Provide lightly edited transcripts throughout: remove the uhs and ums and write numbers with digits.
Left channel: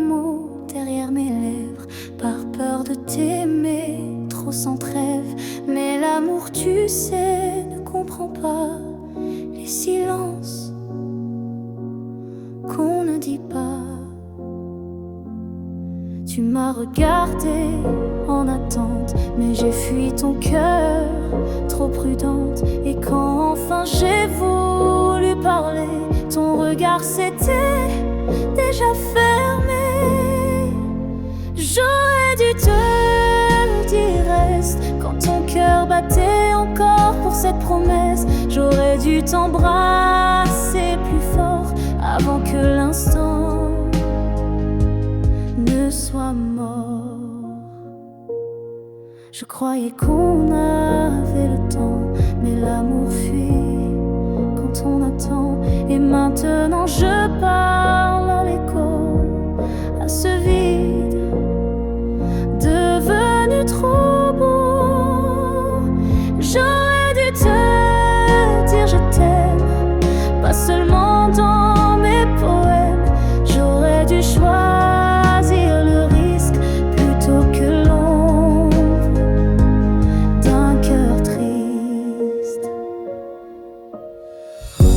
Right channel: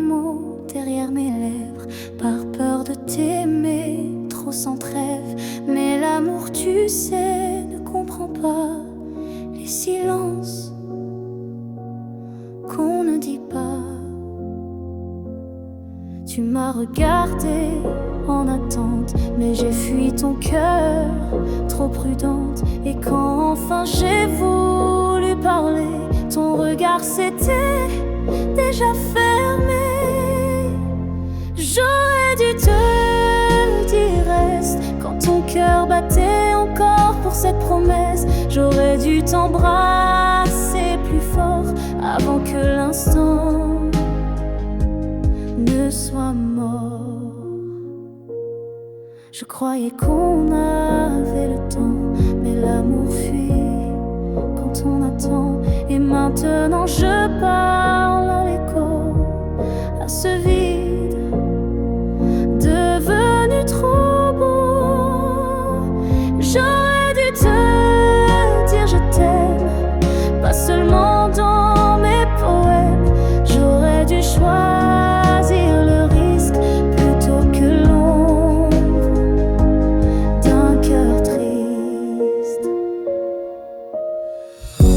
mots derrière mes lèvres, par peur de t'aimer trop sans trêve. Mais l'amour, tu sais, ne comprend pas les silences qu'on ne dit pas. Tu m'as regardé en attente, mais j'ai fui ton cœur, trop prudente. Et quand enfin j'ai voulu parler, ton regard s'était déjà fermé. J'aurais dû te dire reste quand ton cœur battait encore pour cette promesse. J'aurais dû t'embrasser plus fort avant que l'instant ne soit mort. Je croyais qu'on avait le temps, mais l'amour fuit quand on attend. Et maintenant je parle à l'écho, à ce vide devenu trop beau. J'aurais dû te dire je t'aime, pas seulement dans mes poèmes. J'aurais dû choisir le risque plutôt que l'ombre d'un cœur triste.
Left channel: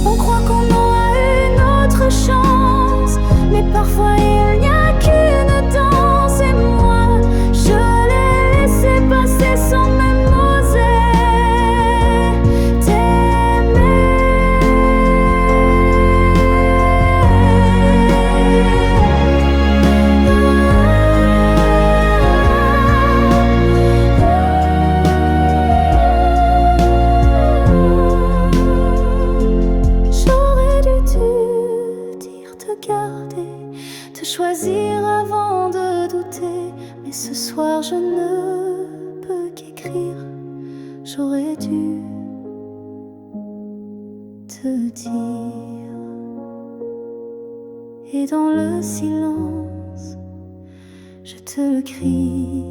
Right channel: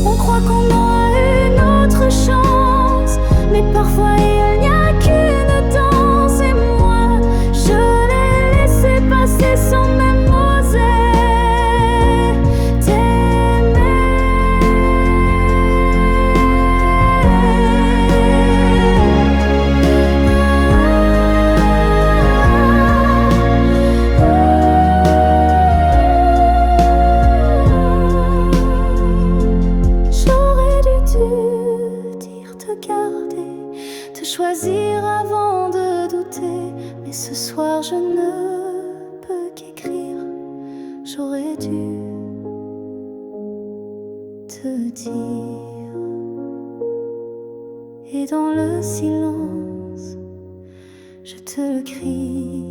On croit qu'on aura une autre chance, mais parfois il n'y a qu'une danse. Et moi, je l'ai laissé passer sans même oser t'aimer. J'aurais dû te dire, te garder, te choisir avant de douter. Mais ce soir je ne peux qu'écrire. J'aurais dû te dire. Et dans le silence, je te le crie.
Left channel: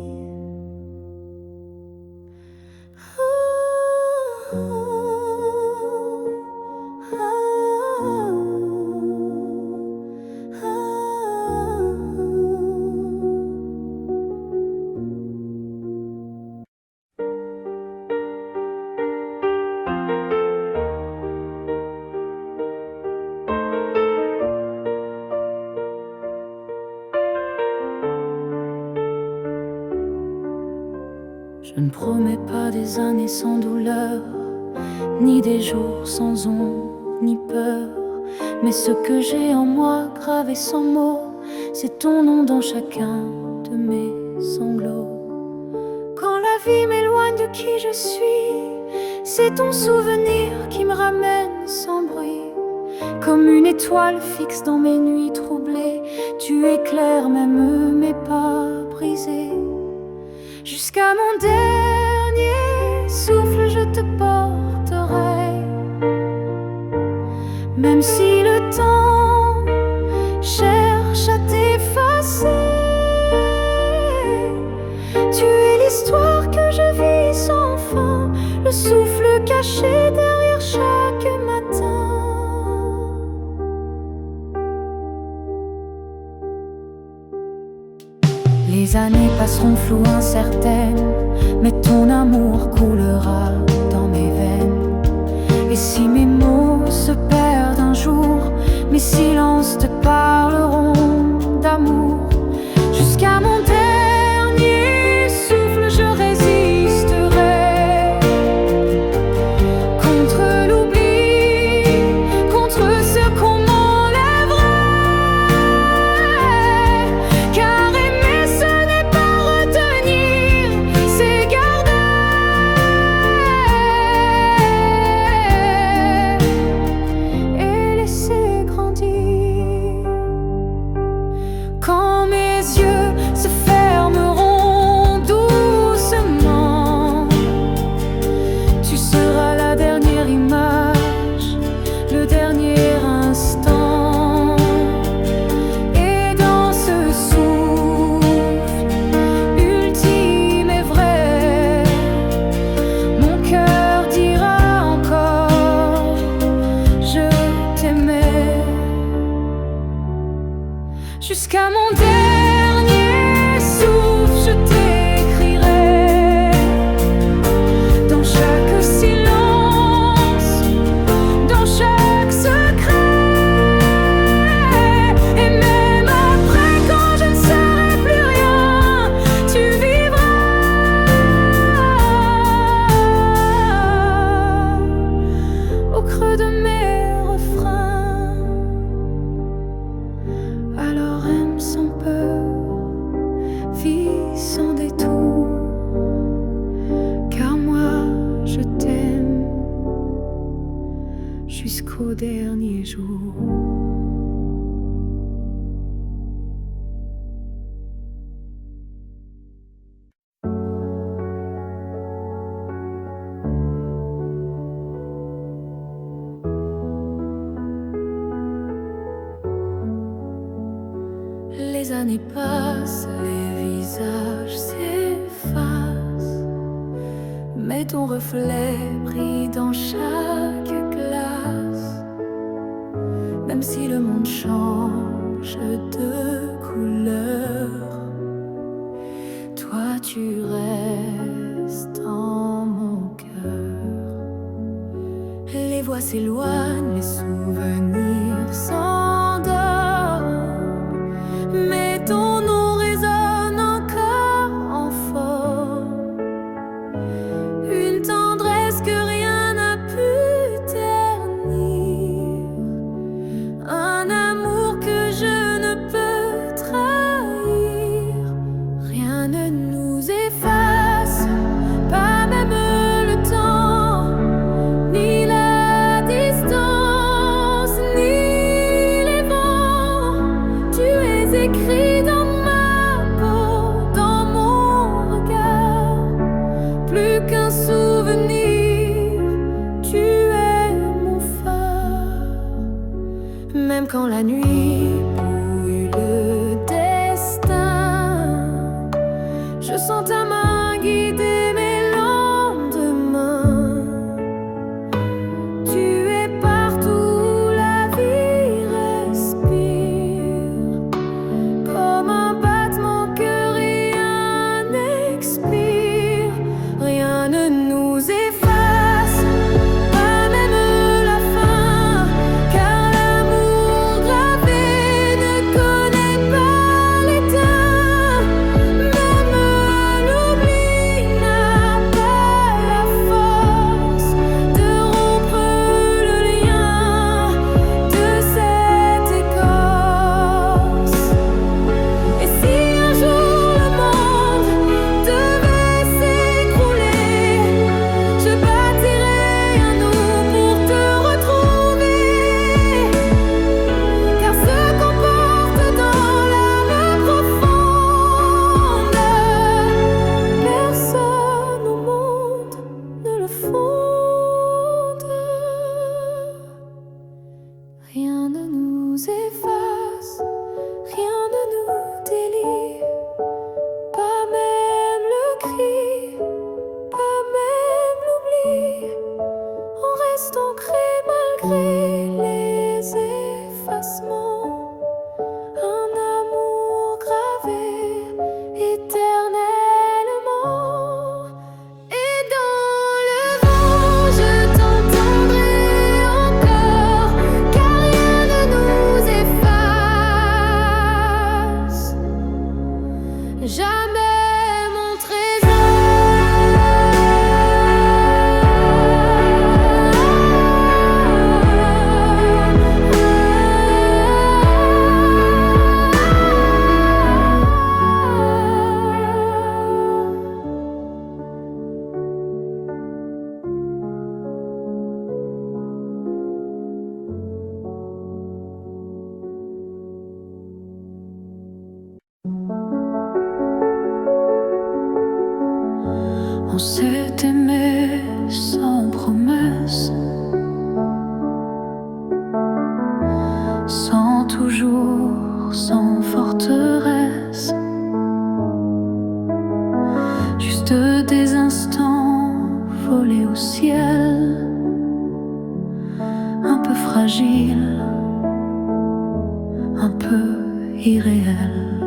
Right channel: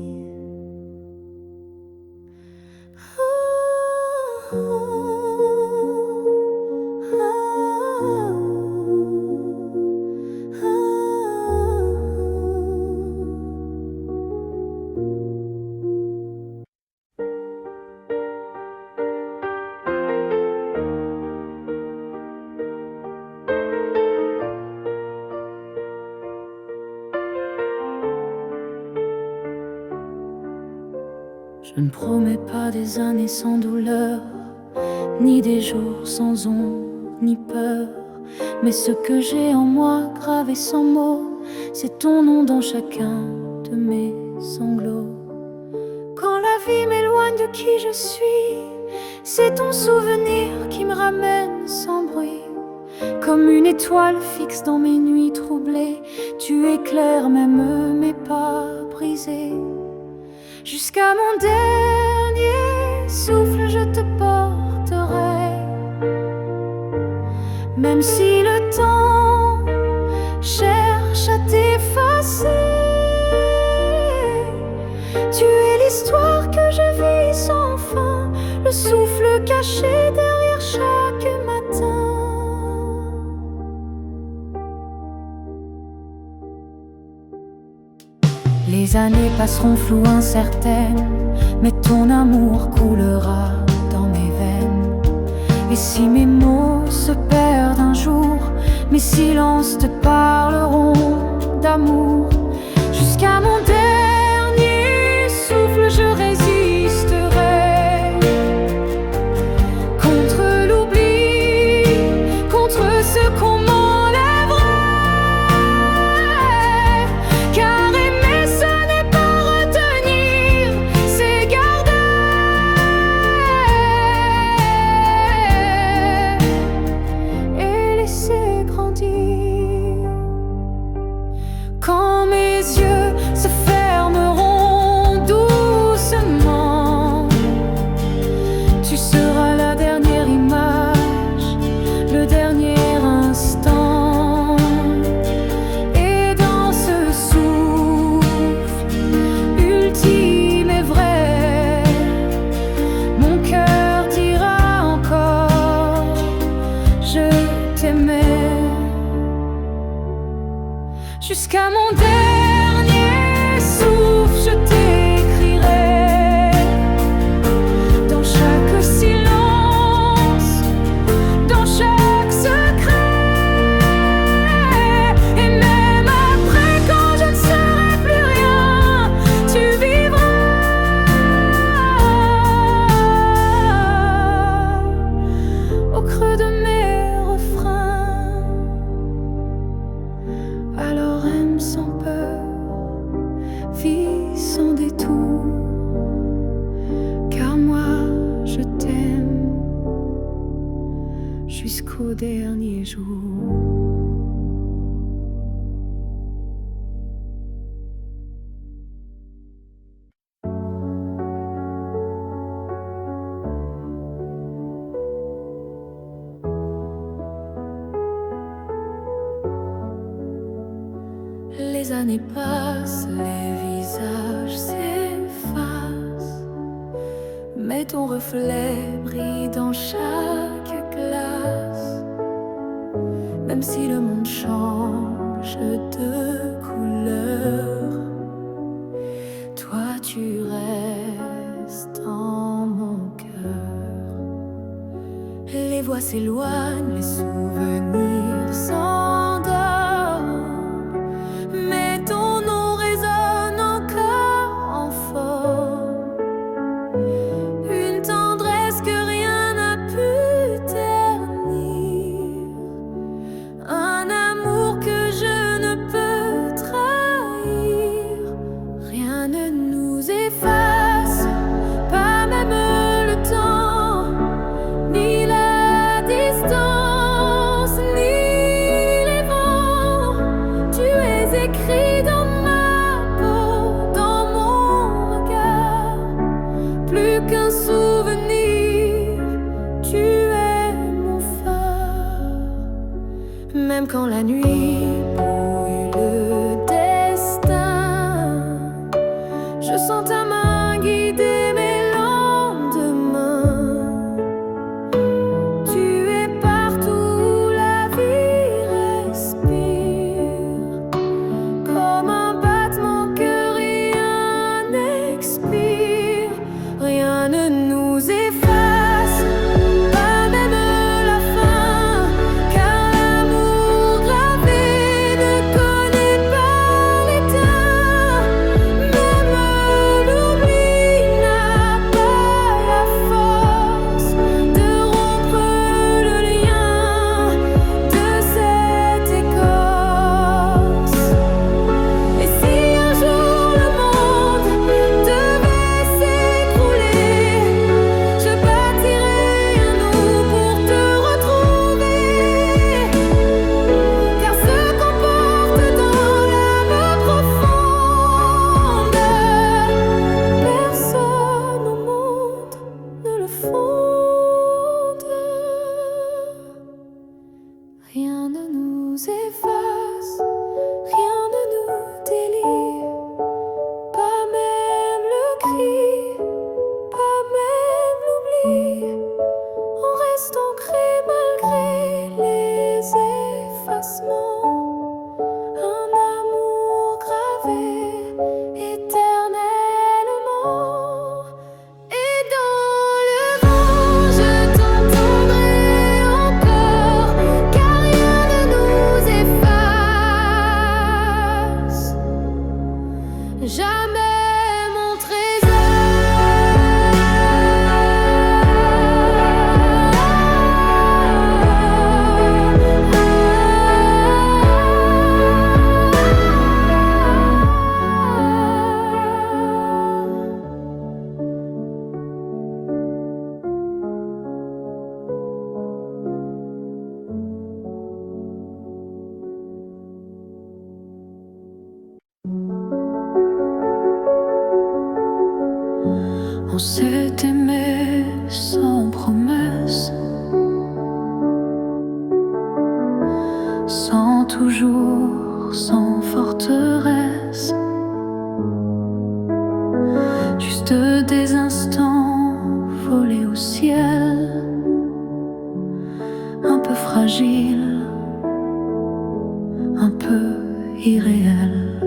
Je ne promets pas des années sans douleur, ni des jours sans ombre, ni peur. Mais ce que j'ai en moi, gravé sans mots, c'est ton nom dans chacun de mes sanglots. Quand la vie m'éloigne de qui je suis, c'est ton souvenir qui me ramène sans bruit. Comme une étoile fixe dans mes nuits troublées, tu éclaires même mes pas brisés. Jusqu'à mon dernier souffle, je te porterai. Même si le temps cherche à t'effacer, tu es l'histoire que je vis sans fin, le souffle caché derrière chaque matin. Les années passeront floues, incertaines, mais ton amour coulera dans mes veines. Et si mes mots se perdent un jour, mes silences te parleront d'amour. Jusqu'à mon dernier souffle, je résisterai contre l'oubli, contre ce qu'on m'enlèverait. Car aimer, ce n'est pas retenir, c'est garder. Et laisser grandir. Quand mes yeux se fermeront doucement, tu seras la dernière image, le dernier instant. Et dans ce souffle ultime et vrai, mon cœur dira encore je t'aimais. Jusqu'à Jusqu'à mon dernier souffle, je t'écrirai dans chaque silence, dans chaque secret. Et même après, quand je ne serai plus rien, tu vivras au creux de mes refrains. Alors aime sans peur, vis sans détour, car moi je t'aime jusqu'au dernier jour. Les années passent, les visages s'effacent, mais ton reflet brille dans chaque glace. Même si le monde change de couleur, toi tu restes en mon cœur. Les voix s'éloignent, les souvenirs s'endorment, mais ton nom résonne encore en forme. Une tendresse que rien n'a pu ternir, un amour que je ne peux trahir. Rien ne nous efface, pas même le temps, ni la distance, ni les vents. Tu es écrit dans ma peau, dans mon regard. Plus qu'un souvenir, tu es mon phare. Même quand la nuit brouille le destin, je sens ta main guider mes lendemains. Tu es partout où la vie respire, comme un battement que rien n'expire. Rien ne nous efface, pas même la fin, car l'amour gravé ne connaît pas l'éteint. Même l'oubli n'a pas la force de rompre le lien de cette écorce. Et si un jour le monde devait s'écrouler, je bâtirai un nous pour te retrouver, car ce qu'on porte dans l'âme profonde, personne au monde ne le fonde. Rien ne nous efface, rien ne nous délie, pas même le cri, pas même l'oubli. On reste ancré malgré les effacements, un amour gravé éternellement. Et dans le vent, je t'entendrai encore, car rien ne nous efface. Jamais mon On s'est aimé sans promesse, sans toujours, sans forteresse. Juste des instants volés au ciel, un peu fragile, un peu irréel.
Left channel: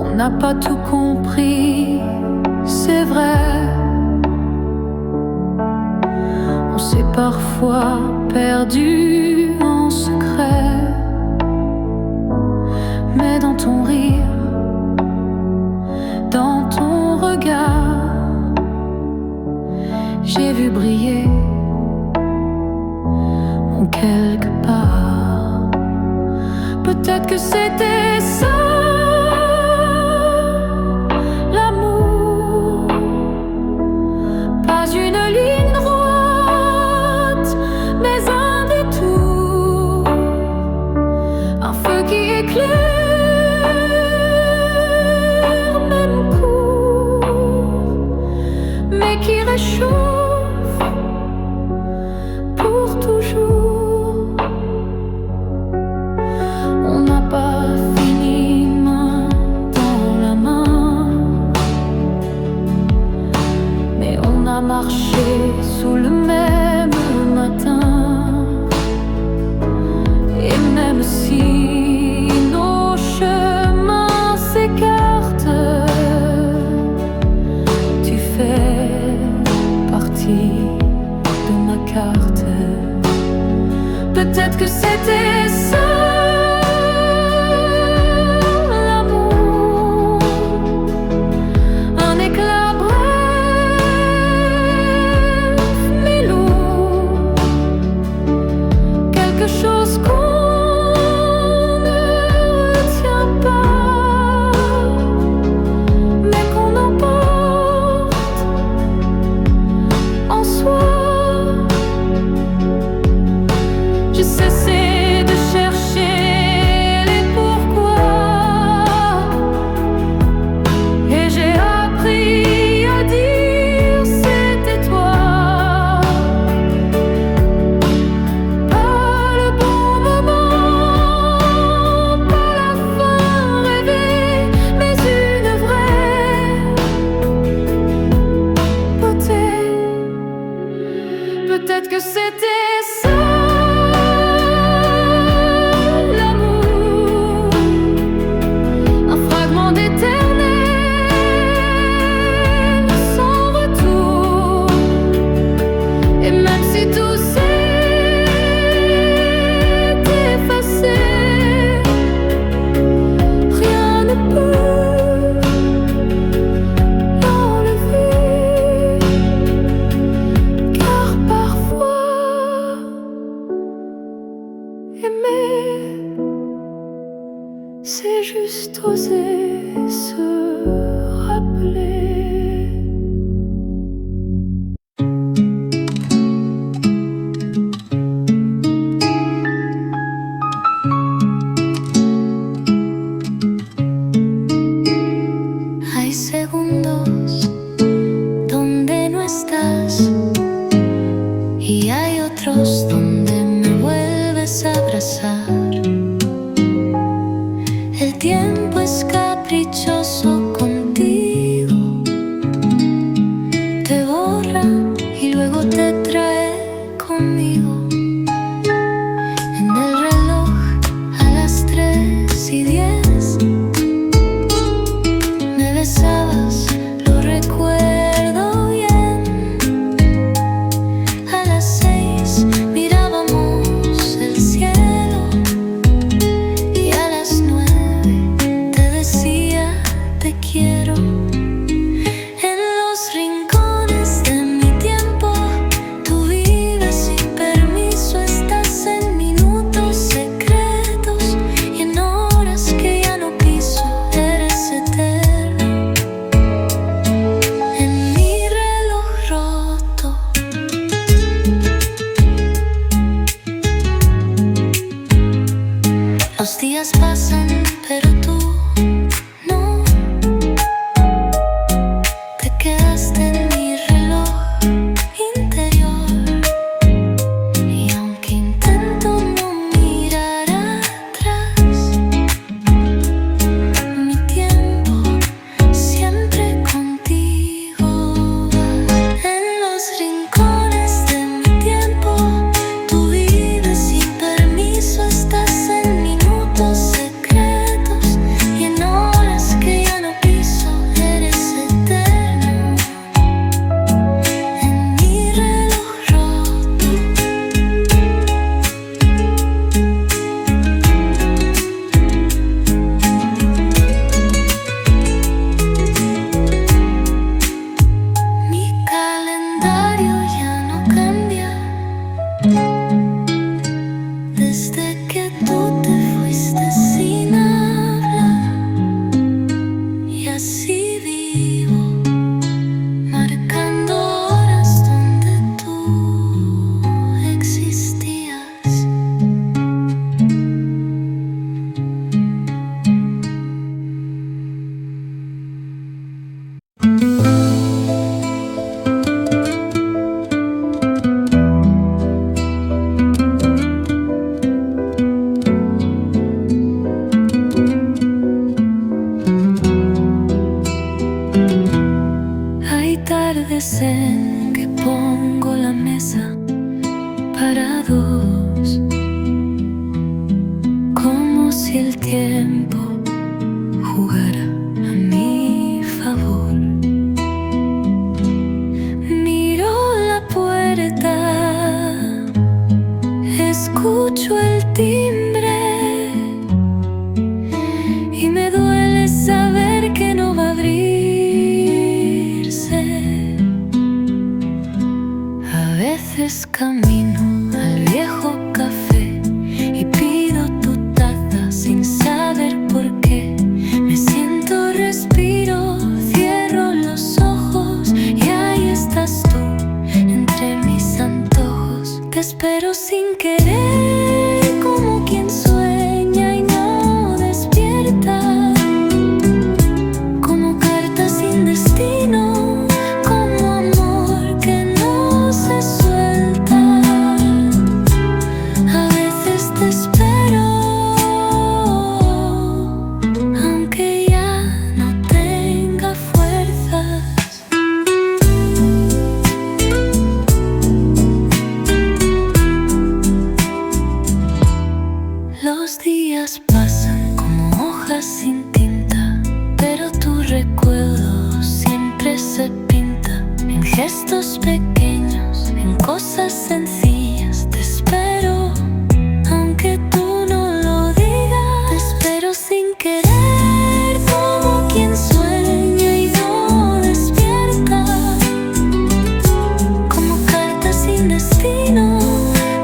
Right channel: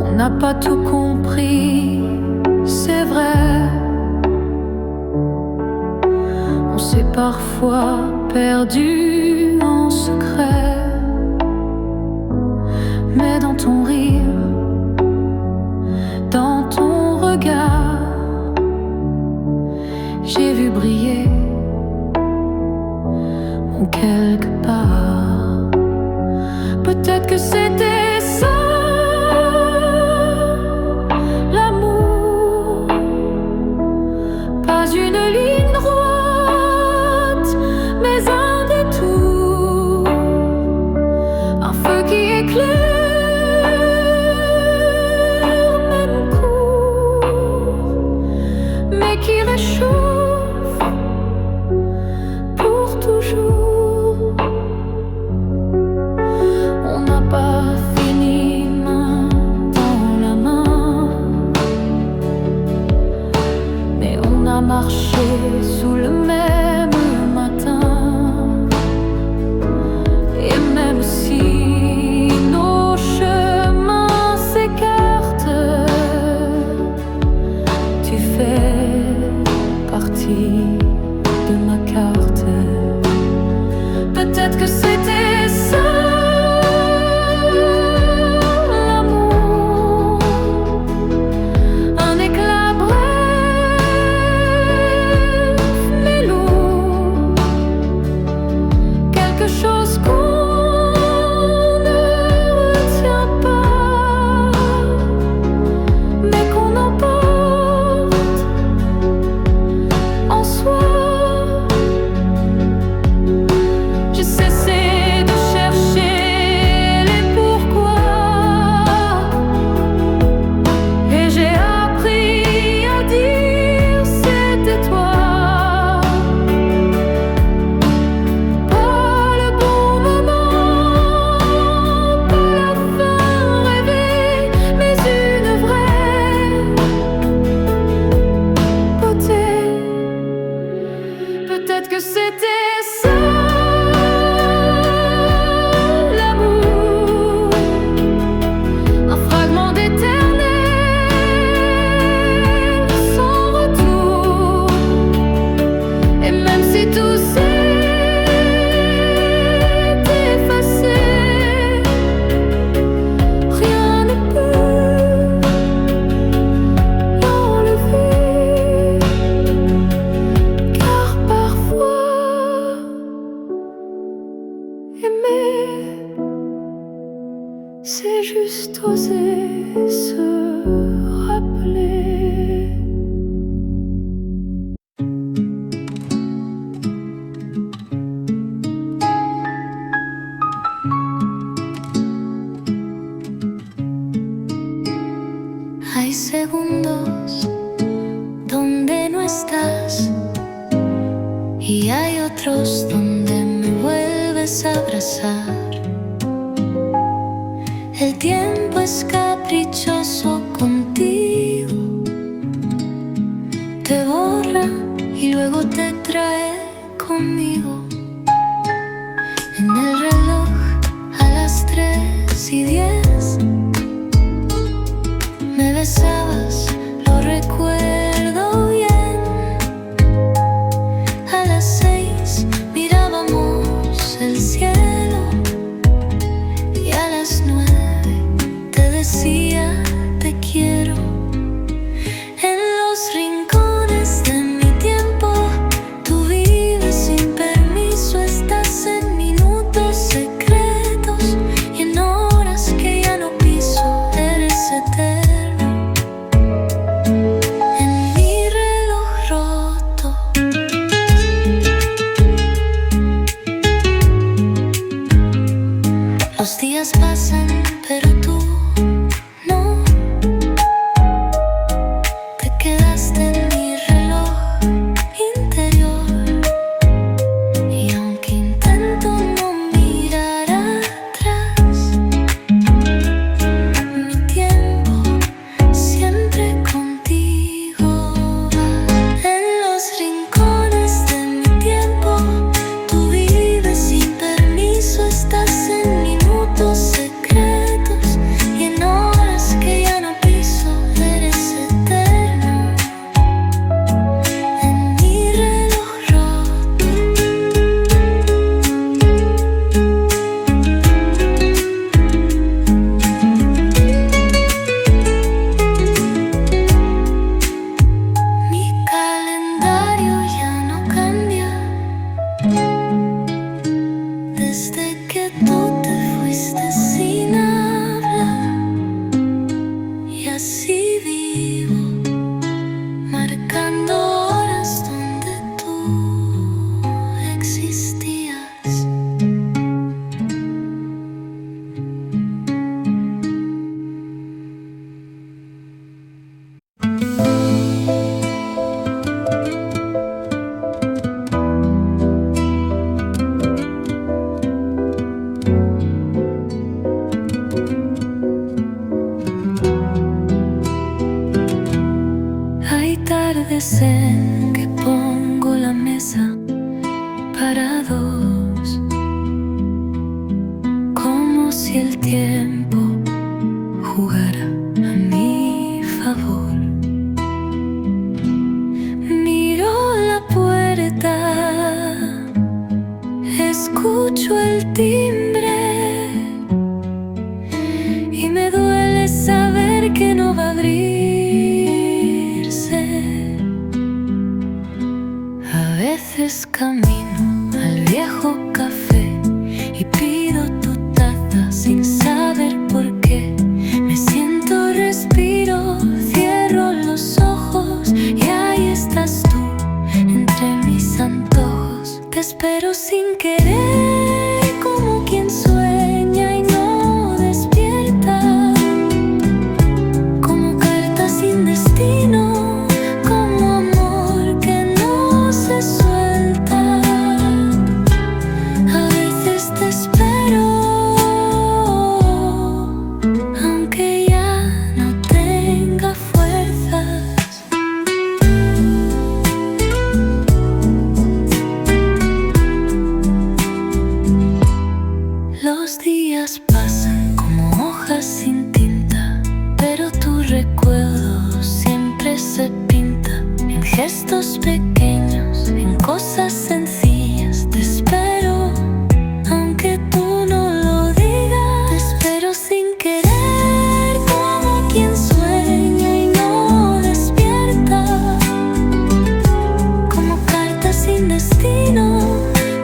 On n'a pas tout compris, c'est vrai. On s'est parfois perdu en secret. Mais dans ton rire, dans ton regard, j'ai vu briller mon quelque part. Peut-être que c'était ça, l'amour. Pas une ligne droite, mais un détour. Un feu qui éclaire, même court, mais qui réchauffe pour toujours. On n'a pas fini main dans la main, mais on a marché sous le même matin. Et même si nos chemins s'écartent, tu fais partie de ma carte. Peut-être que c'était ça, l'amour. Un éclat bref mais lourd, quelque chose qu'on ne retient pas, mais qu'on emporte en soi. J'ai cessé de chercher les pourquoi, et j'ai appris à dire c'était toi. Pas le bon moment, pas la fin rêvée, mais une vraie beauté. Peut-être que c'était ça, l'amour. Un fragment d'éternel sans retour. Et même si tout s'est effacé, rien ne peut l'enlever. Car parfois aimer, c'est juste oser se rappeler. Hay segundos donde no estás, y hay otros donde me vuelves a abrazar. El tiempo es caprichoso contigo, te borra y luego te trae conmigo. En el reloj a las 3:10 me besabas, lo recuerdo bien. A las 6 mirábamos el cielo, y a las 9 te decía te quiero. En los rincones de mi tiempo tú vives sin permiso, estás en minutos secretos y en horas que ya no piso. Eres eterno en mi reloj roto. Los días pasan, pero tú no. Te quedaste en mi reloj interior, y aunque intento no mirar atrás, mi tiempo siempre contigo va. En los rincones de mi tiempo tú vives sin permiso, estás en mi ignoras que ya no piso, eres eterno en mi reloj roto. Mi calendario ya no cambia desde que tú te fuiste sin hablar. Y así vivo, marcando horas donde tú existías. Hay tardes en que pongo la mesa para dos, como si el tiempo jugara a mi favor. Miro la puerta, escucho el timbre y me duele saber que no va a abrirse. A veces camino al viejo café y pido tu taza sin saber por qué. Me siento, respiro, cierro los ojos y ahí estás tú entre mis antojos. Te espero sin querer, como quien sueña y no despierta, como carta sin destino, como amor que no se suelta. A veces te espero, aunque ya no tenga fuerzas. Los días pasan como hojas sin tinta, pero tu recuerdo siempre se pinta en gestos pequeños, en cosas sencillas. Te espero, aunque tú no lo digas. Te espero sin querer, como quien sueña y no despierta, como carta sin destino,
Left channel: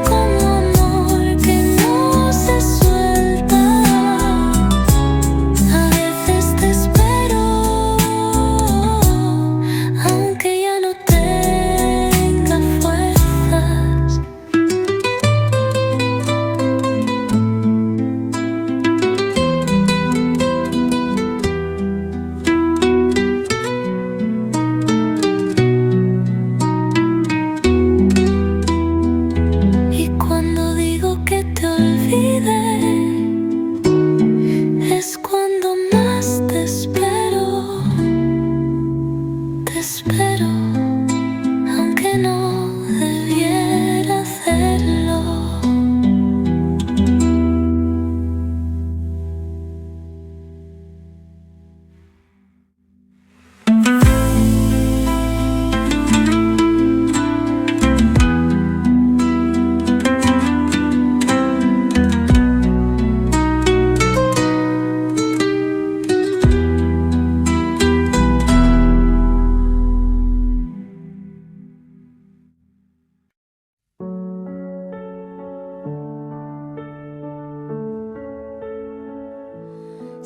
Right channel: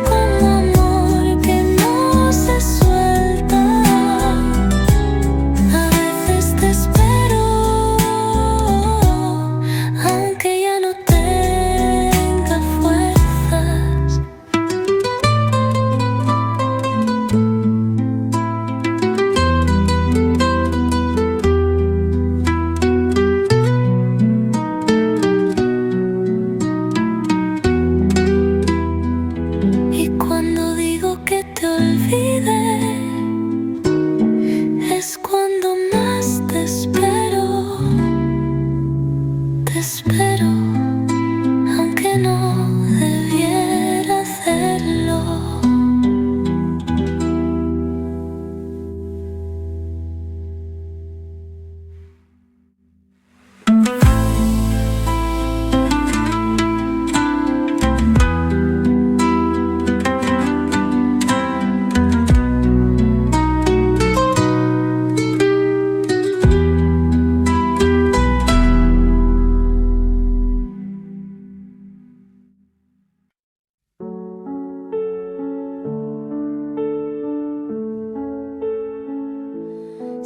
como amor que no se suelta. A veces te espero, aunque ya no tenga fuerzas. Y cuando digo que te olvide, es cuando más te espero, aunque no debiera hacerlo.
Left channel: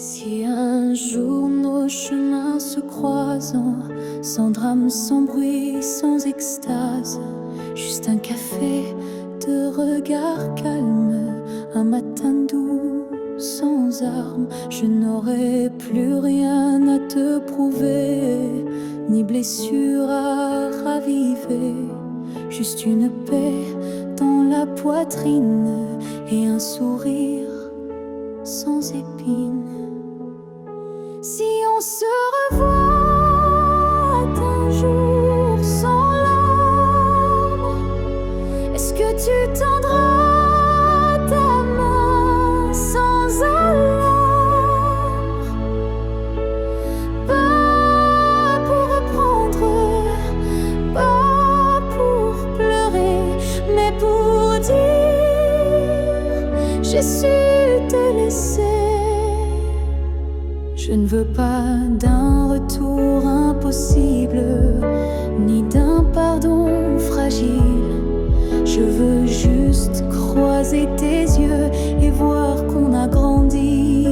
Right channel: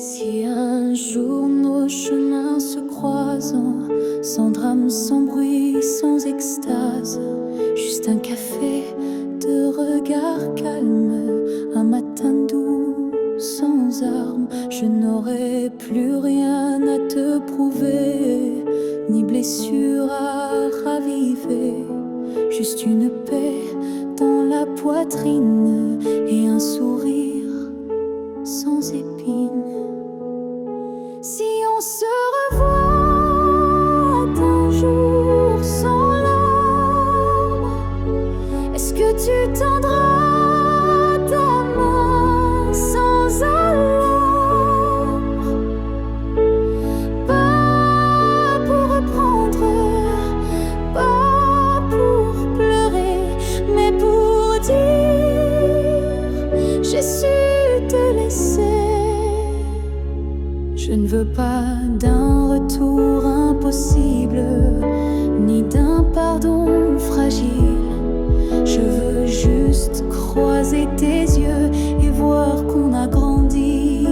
Si un jour nos chemins se croisent, sans drame, sans bruit, sans extase, juste un café, deux regards calmes, un matin doux, sans armes, je n'aurai plus rien à te prouver, ni blessure à raviver, juste une paix dans la poitrine et un sourire sans épines. Si on se revoit un jour sans larmes, est-ce que tu tendras ta main sans alarme Je ne veux pas d'un retour impossible, ni d'un pardon fragile. Je veux juste croiser tes yeux et voir qu'on a grandi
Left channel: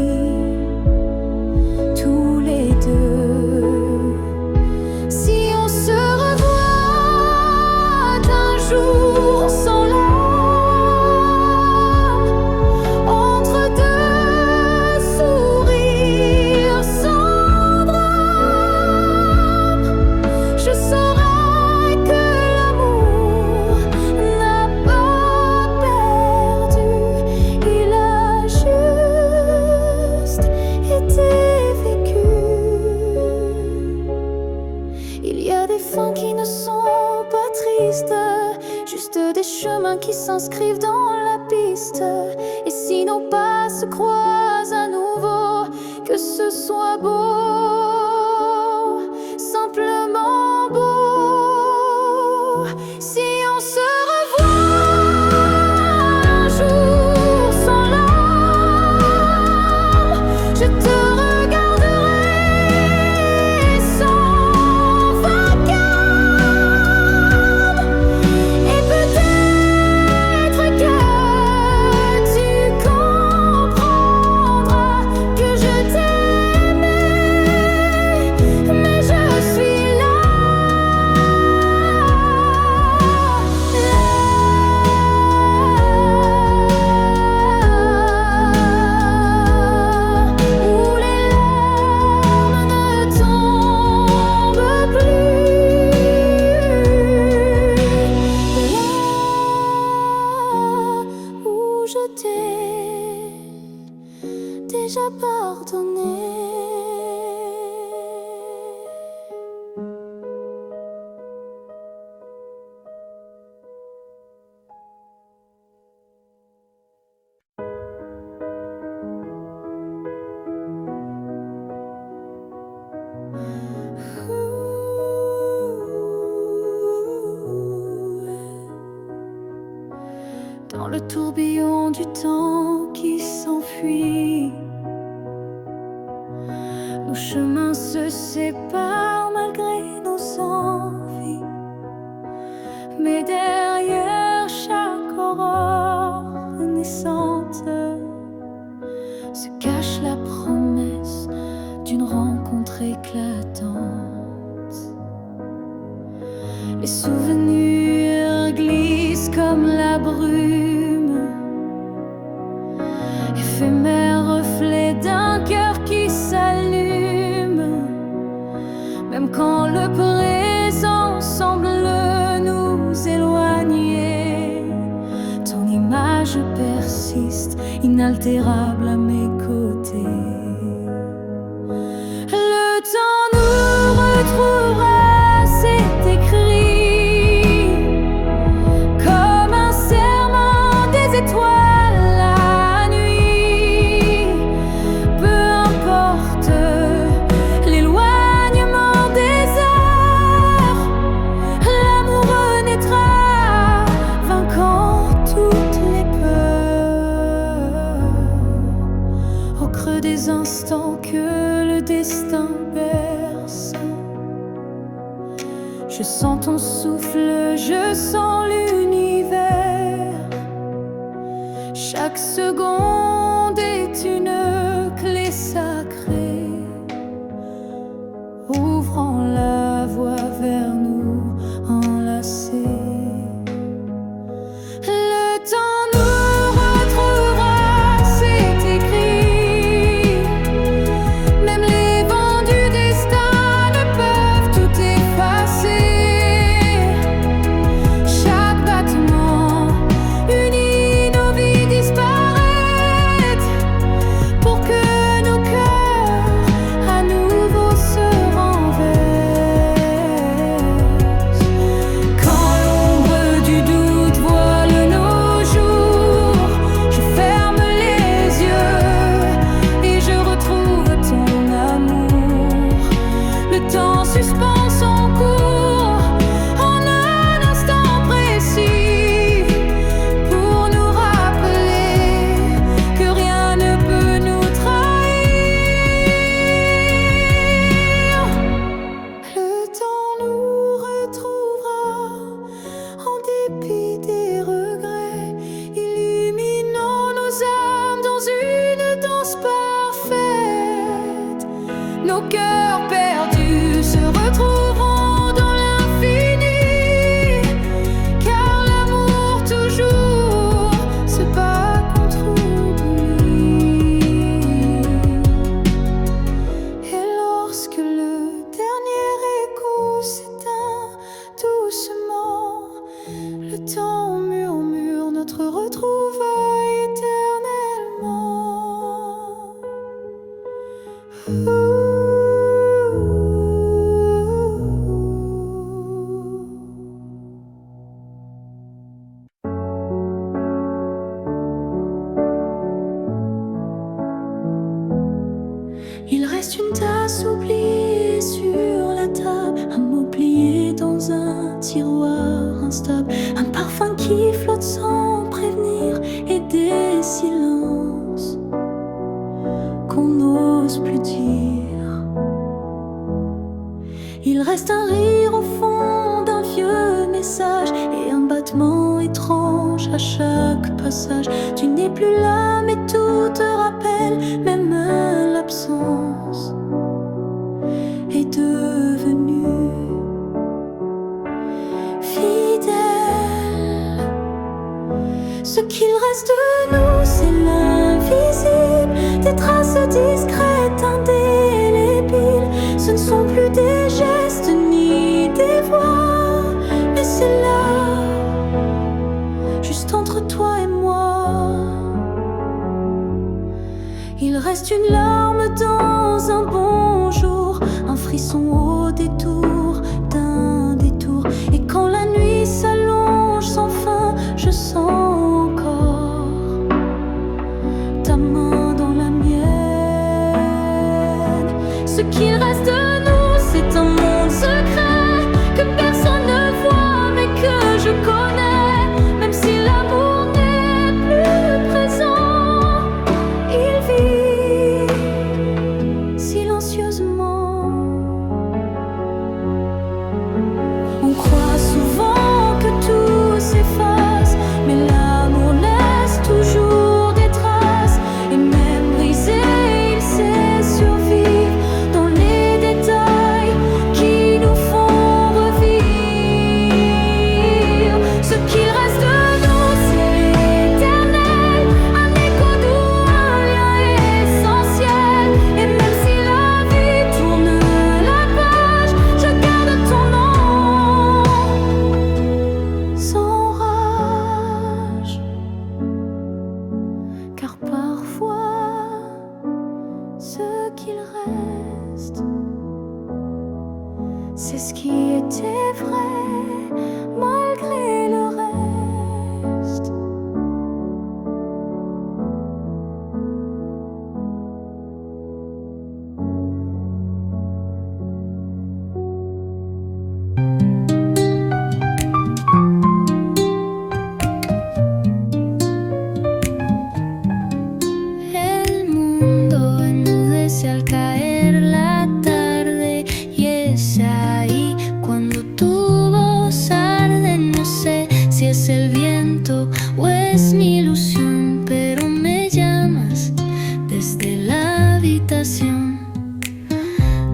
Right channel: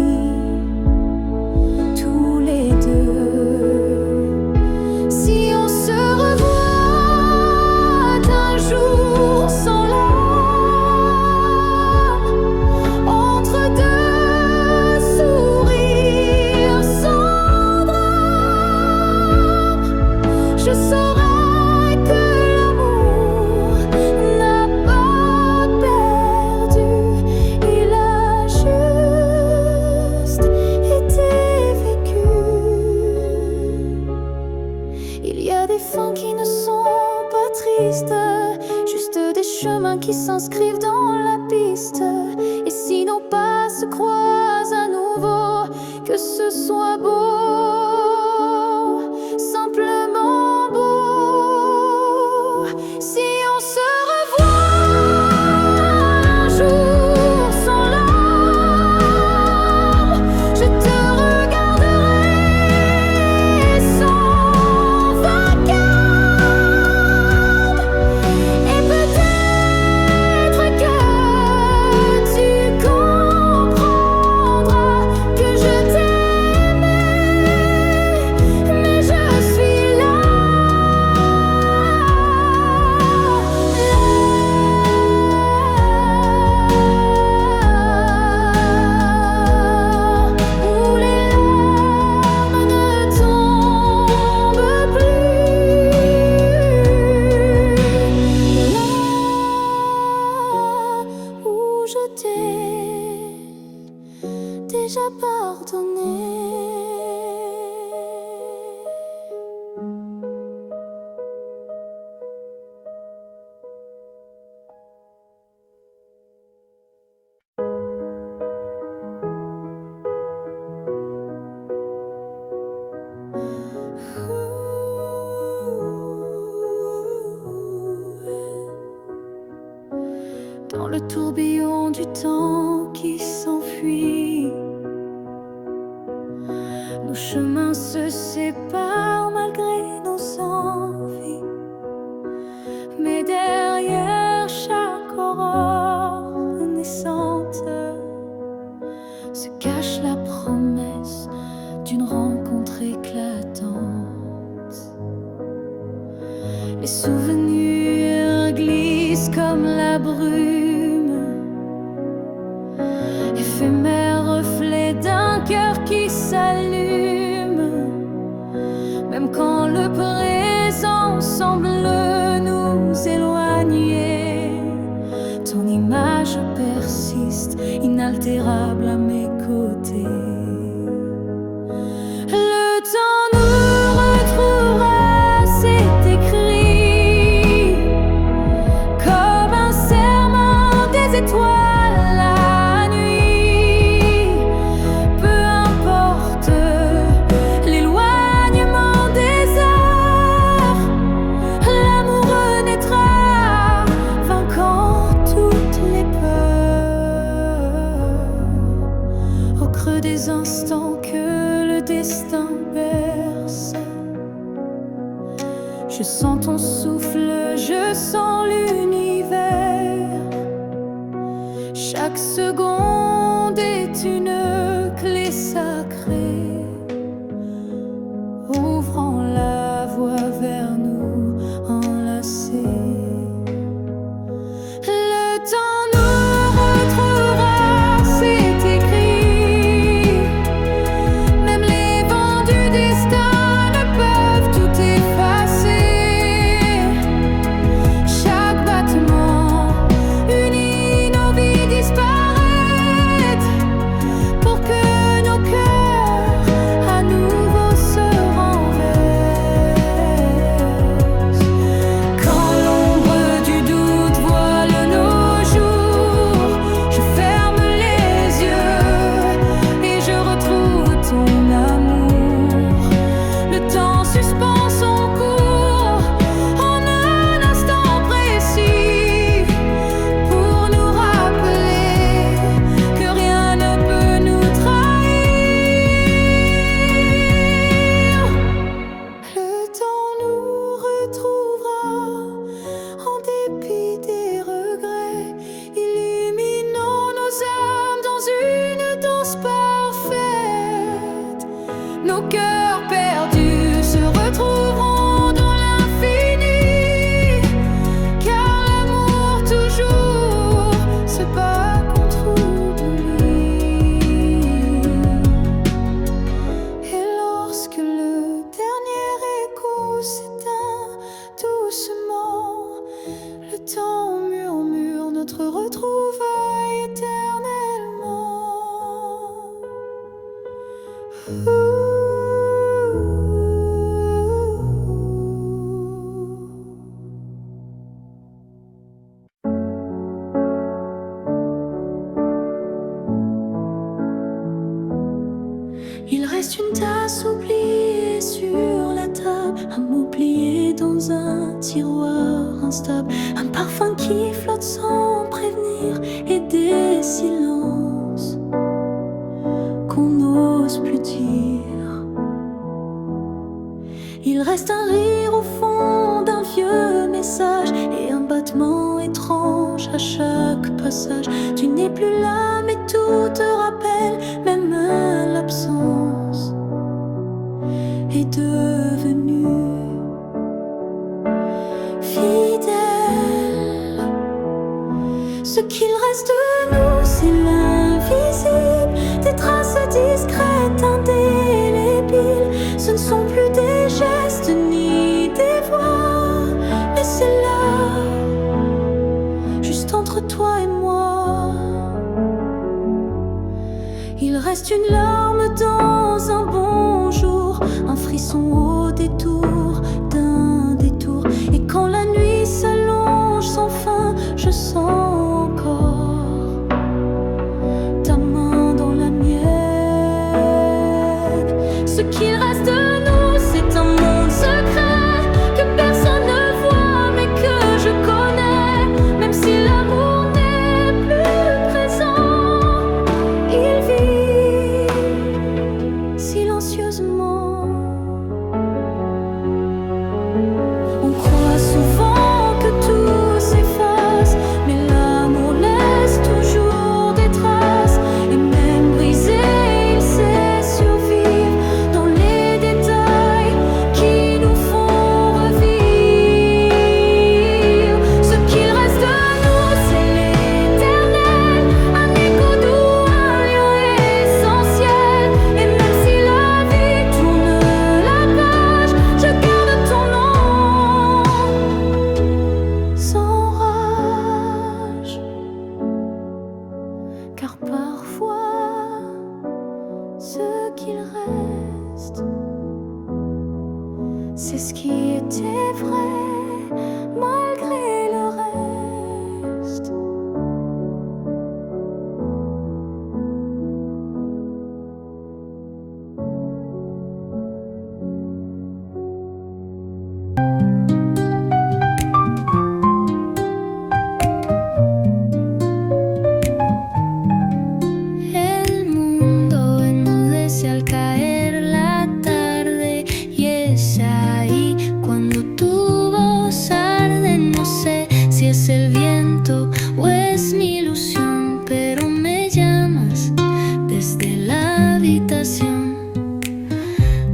tous les deux. Si on se revoit un jour sans larmes, entre deux sourires sans drame, je saurai que l'amour n'a pas perdu, il a juste été vécu. Il y a des fins qui ne sont pas tristes, juste des chemins qui s'inscrivent dans la piste. Et si nos pas se croisent à nouveau, que ce soit beau, simplement beau. Si on se revoit un jour sans larmes, je te regarderai sans vacarme. Et peut-être que tu comprendras que je t'aimais, mais je suis là, où les larmes ne tombent plus, là où je t'ai déjà pardonné. Dans le tourbillon du temps qui s'enfuit, nos chemins se séparent malgré nos envies. Mais derrière chaque aurore naissante se cache la promesse d'une rencontre éclatante. Les souvenirs glissent comme la brume, éphémère reflet d'un cœur qui s'allume. Même quand le présent semble nous éloigner, ton image persiste, inaltérable à mes côtés. Le temps nous retrouvera, c'est écrit, comme un serment des étoiles la nuit. Peu importe l'éloignement des heures, l'amour renaîtra, vainquant toutes les peurs. Au creux des instants que le destin berce, je sens ton souffle, je sens l'univers. Chaque seconde est une clé sacrée, ouvrant la voie vers nous enlacés. Le temps nous retrouvera, c'est écrit. Même les vents du destin ne peuvent tout effacer. Chaque battement unit nos vies disparaître pour que nos cœurs perdus se retrouveront dans l'infini, car l'amour toujours se bat contre oubli. Et lorsque le dernier écho s'éteint doucement, le temps murmure notre retrouvaille éternellement. Il reste une tasse oubliée sur la table, un mot plié dans un tiroir instable, un parfum qui flotte sans prévenir et des silences qu'on n'ose plus dire. Il reste un rire au fond d'un vieux message et un battement étrange à chaque passage. Tu n'es plus là mais tout te rappelle, même l'absence est devenue fidèle. Ce qu'il reste de nous, c'est l'invisible, des traces discrètes, indélébiles. Ce ne sont plus des gestes ni des voix, mais c'est là, juste entre toi et moi. Il reste une larme dans un bonjour, un frisson au détour d'un détour. Et quand la nuit s'allonge sans fin, je sens encore ta main dans la mienne. Ce qu'il reste de nous, c'est un monde secret que personne ne voit mais que je connais. Même si l'amour n'est plus présent, il vit silencieusement. On croit souvent que tout s'efface, mais l'amour laisse toujours des traces. Et même brisé, il sait survivre dans les détails qui nous font revivre. Ce qu'il reste de nous, c'est l'éternel, un écho doux, un lien essentiel. Et même si la vie tourne la page, je garde ton nom sans rage. Car parfois, ce qu'il reste, c'est ce qui était vrai malgré le reste. El mundo enmudece al caer la tarde y es ahí cuando tu voz arde. No sé si es el viento o es mi ilusión, pero me llamas desde la habitación.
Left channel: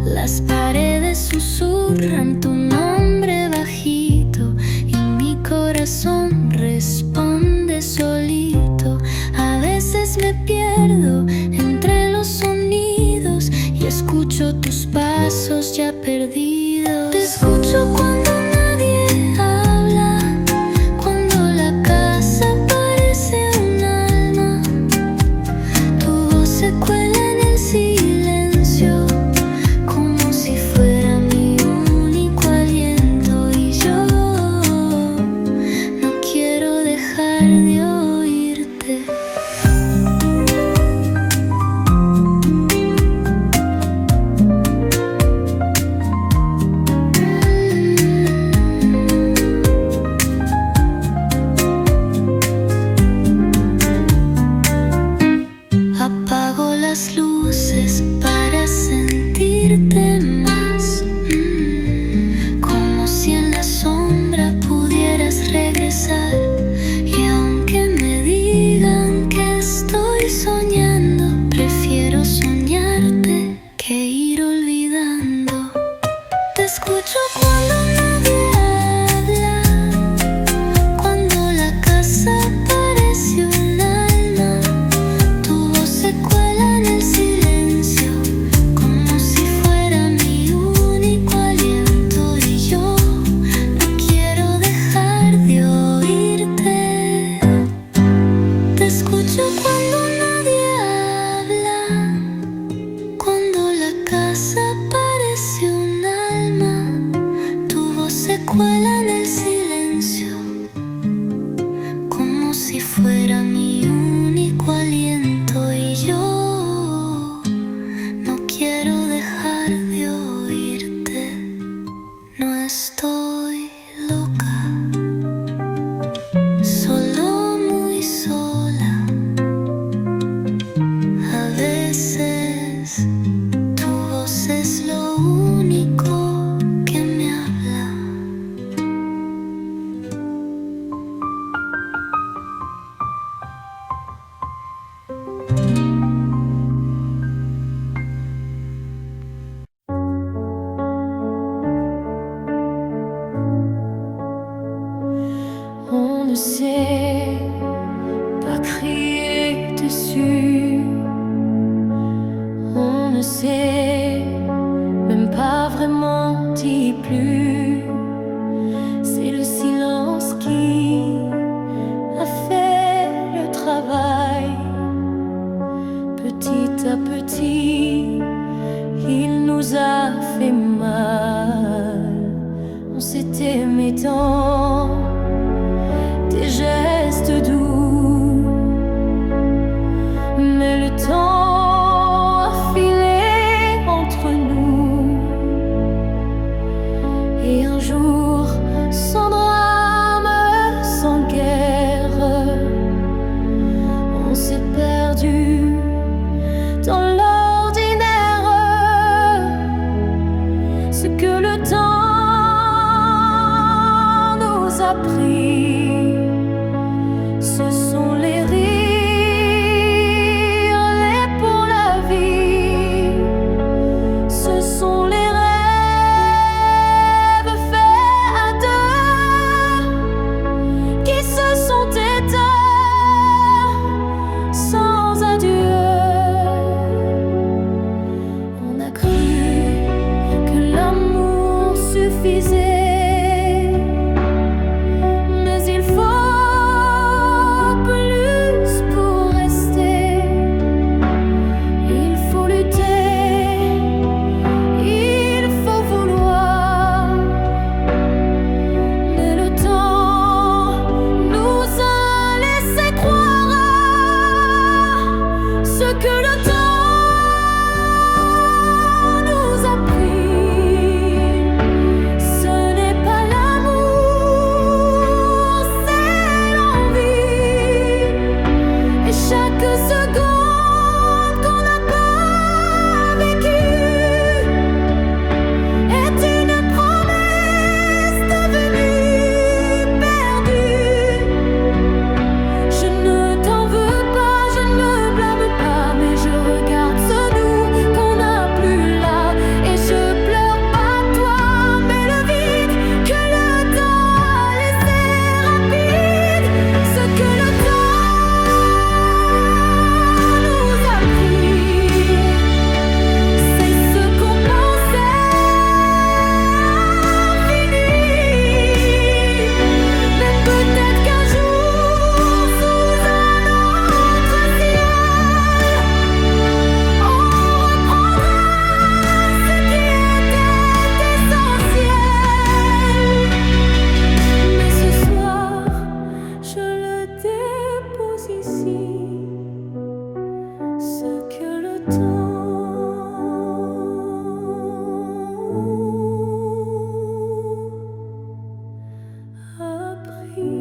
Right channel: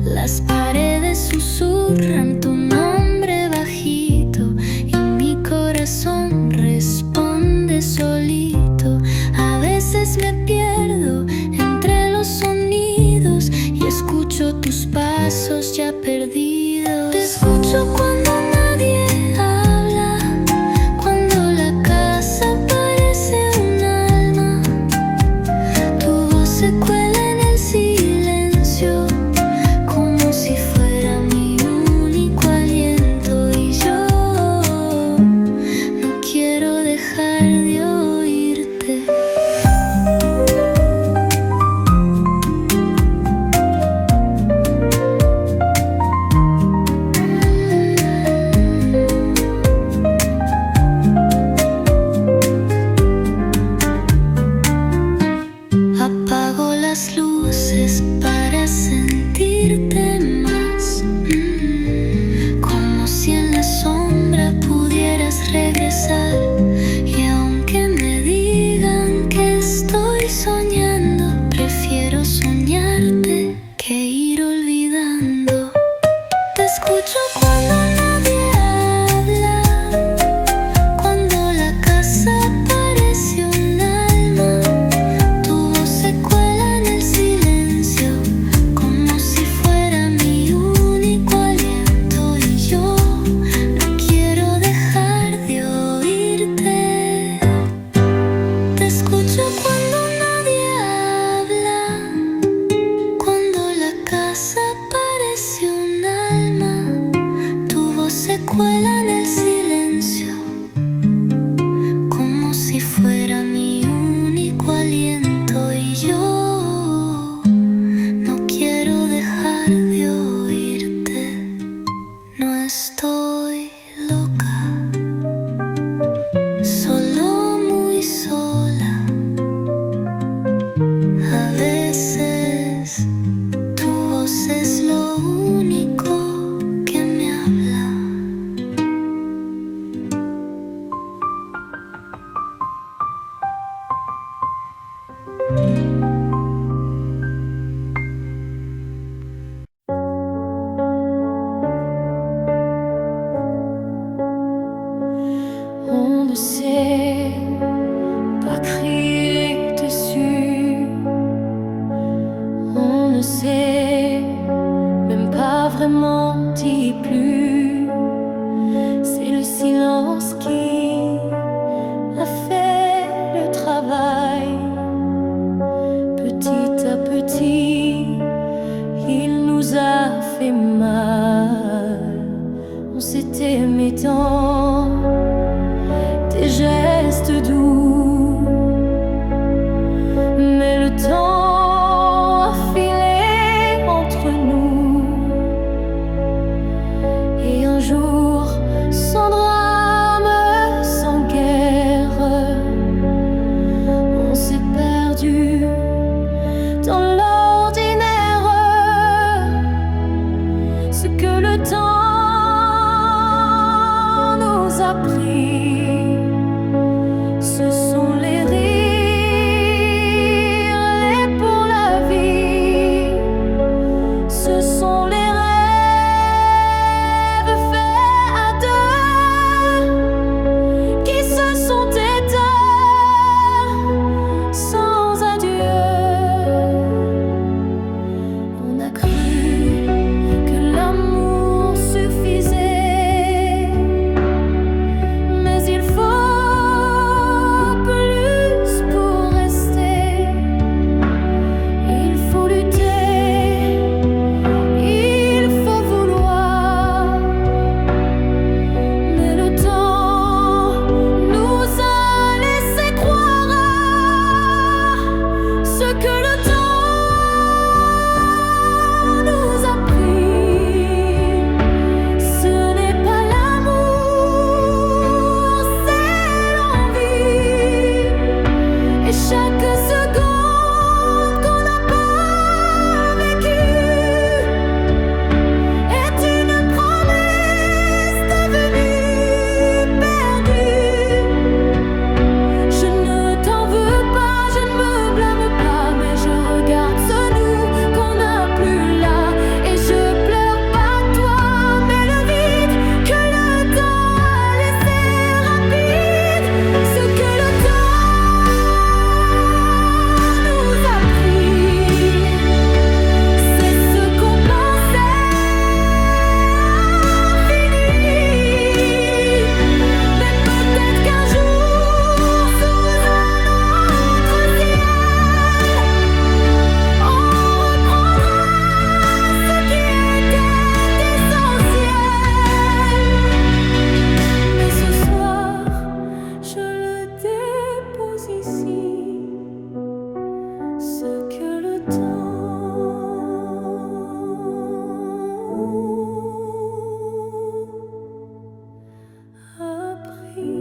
Las paredes susurran tu nombre bajito y mi corazón responde solito. A veces me pierdo entre los sonidos y escucho tus pasos ya perdidos. Te escucho cuando nadie habla, cuando la casa parece un alma. Tu voz se cuela en el silencio, como si fuera mi único aliento. Y yo no quiero dejar de oírte. Apago las luces para sentirte más, como si en la sombra pudieras regresar. Y aunque me digan que estoy soñando, prefiero soñarte que ir olvidando. ne sait pas crier dessus. On ne sait même pas vraiment dire plus. C'est le silence qui a fait le travail. Petit à petit, il nous a fait mal. On s'est aimé dans des gestes doux, mais le temps a filé entre nous. Et un jour, sans drame, sans guerre, on s'est perdu dans l'ordinaire. Ce que le temps nous a pris, ce sont les rires, les pour la vie. Ce sont les rêves faits à deux qui se sont éteints sans adieu. On a cru que l'amour suffisait, mais il faut plus pour rester. Il faut lutter, il faut vouloir, mais le temps nous a laissé croire à ce que le temps nous a pris. Ce n'est pas l'amour, c'est l'envie. Et chaque seconde qu'on n'a pas vécue est une promesse devenue perdue. Je ne t'en veux pas, je ne me blâme pas, mais je regarde ce nous qu'on n'a plus là. Et je pleure pas toi, mais le vide que le temps a laissé rapide. Ce que le temps nous a pris, c'est ce qu'on pensait fini. Mais peut-être qu'un jour, sous un autre ciel, on reprendra ce qui était essentiel. Mais ce soir, je le dépose ici, ce que le temps a pris.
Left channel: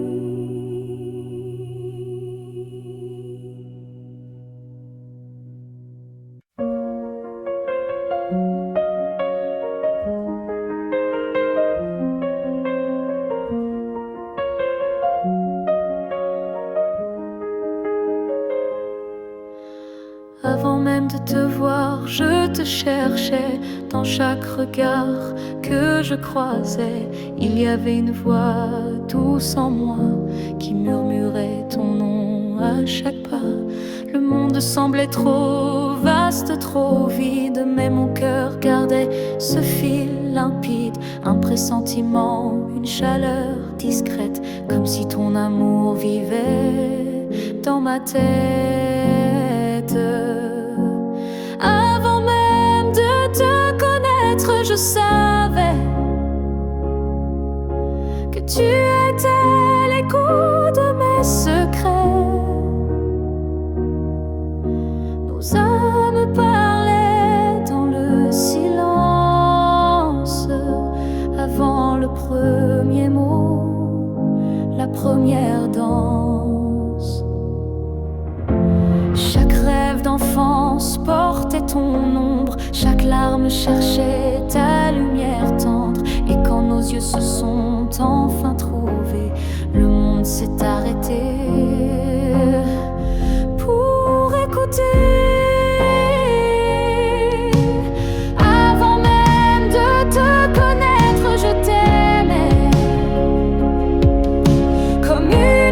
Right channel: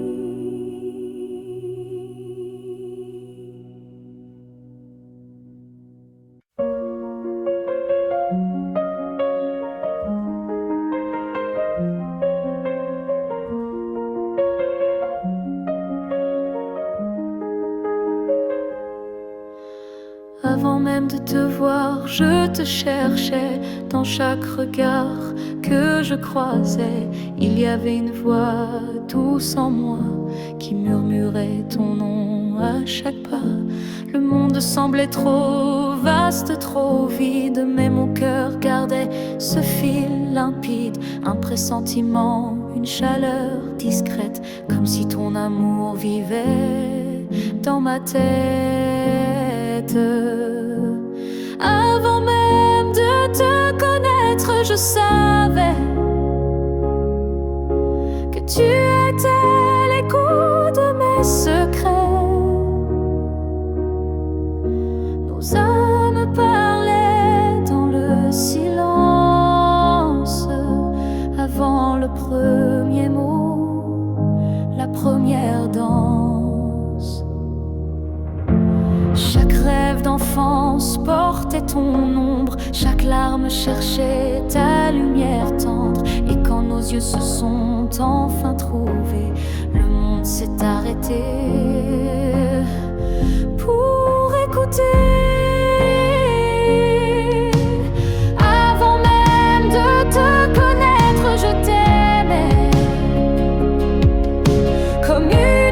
Avant même de te voir, je te cherchais. Dans chaque regard que je croisais, il y avait une voix douce en moi qui murmurait ton nom à chaque pas. Le monde semblait trop vaste, trop vide, mais mon cœur gardait ce fil limpide. Un pressentiment, une chaleur discrète, comme si ton amour vivait dans ma tête. Avant même de te connaître, je savais que tu étais l'écho de mes secrets. Nos âmes parlaient dans le silence, avant le premier mot, la première danse. Chaque rêve d'enfance portait ton ombre, chaque larme cherchait ta lumière tendre. Et quand nos yeux se sont enfin trouvés, le monde s'est arrêté pour écouter. Avant même de te connaître, je t'aimais comme une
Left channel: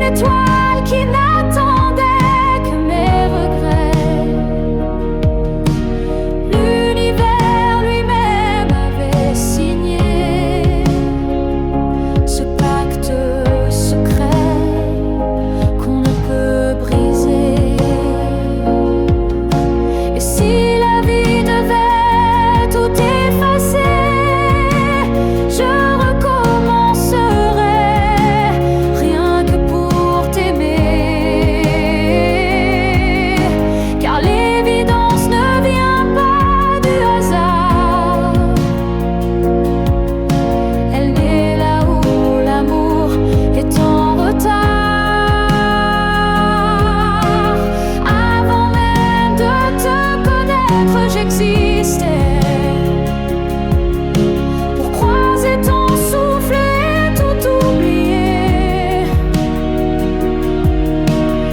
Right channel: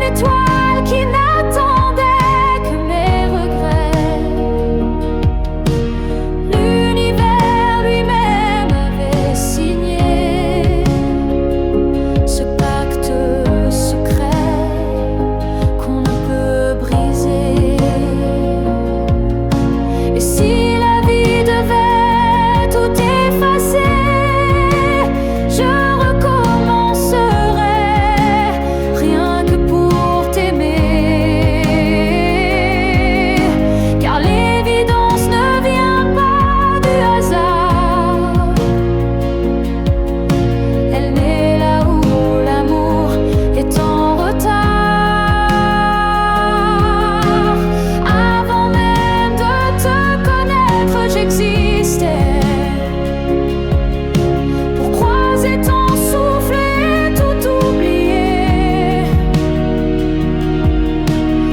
existait, pour croiser ton souffle et tout oublier.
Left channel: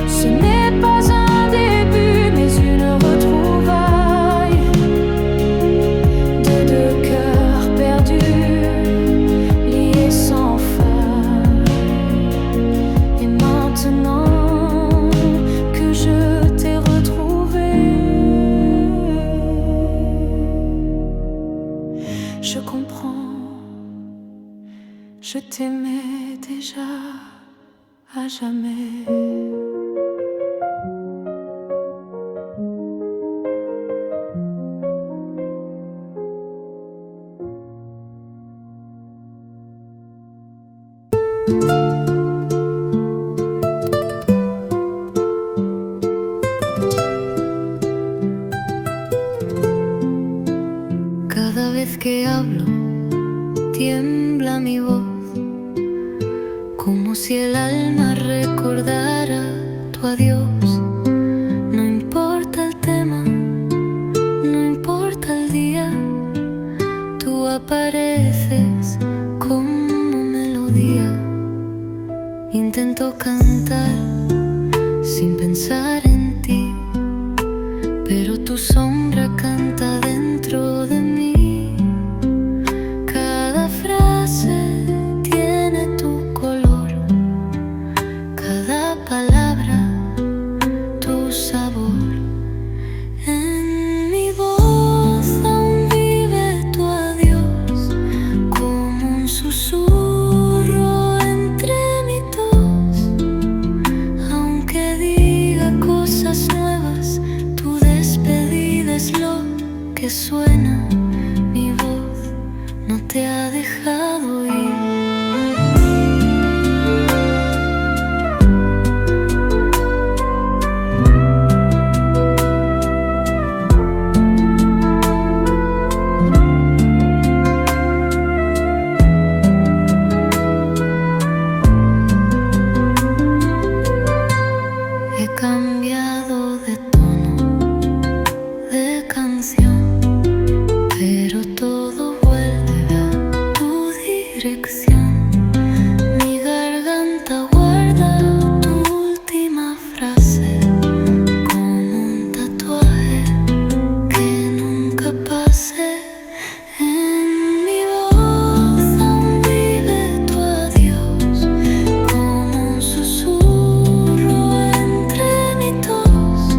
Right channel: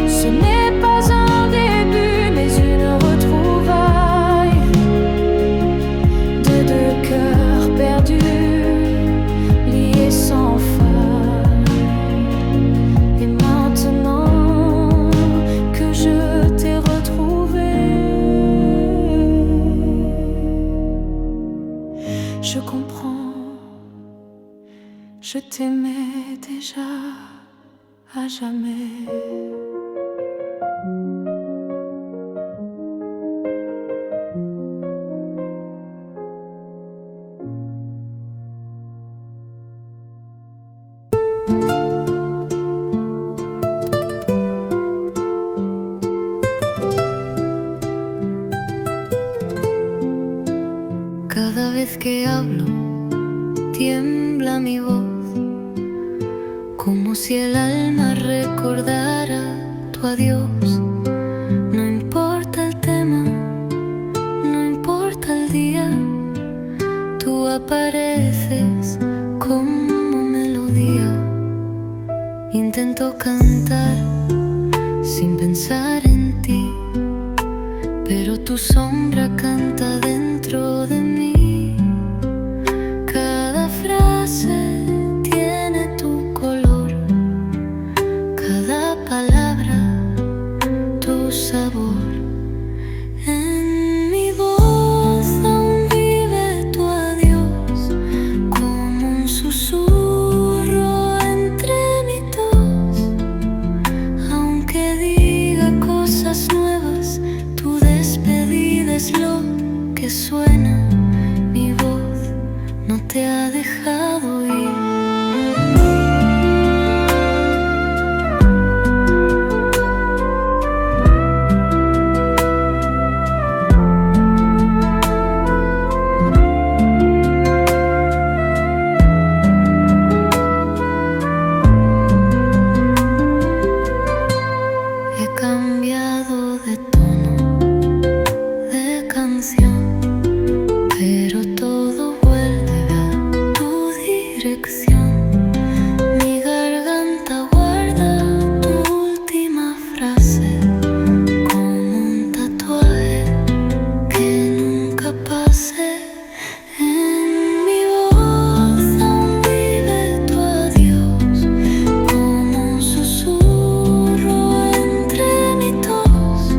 Ce n'est pas un début, mais une retrouvaille de deux cœurs perdus, liés sans faille. Et maintenant que je t'ai retrouvé, je comprends, je t'aimais déjà à jamais. Cada vez que hablo, tiembla mi voz, como si el alma recordara tu adiós. No importa el tema, no importa el día, tú apareces como melodía. Intento cantar sin pensar en ti, pero tu sombra canta dentro de mí. Cada frase tiene tu color, cada palabra tu sabor. En mi voz aún vive tu adiós, como un susurro entre mi tos. Aunque diga cosas nuevas, tu despedida es lo que suena. Mi voz no te ha dejado ir. He cambiado de tono, de canción, pero todo vuelve a tu dirección. Mi garganta guarda tu última frase, como un tatuaje que nunca pase. En mi voz aún vive tu adiós, como un susurro entre mi tos.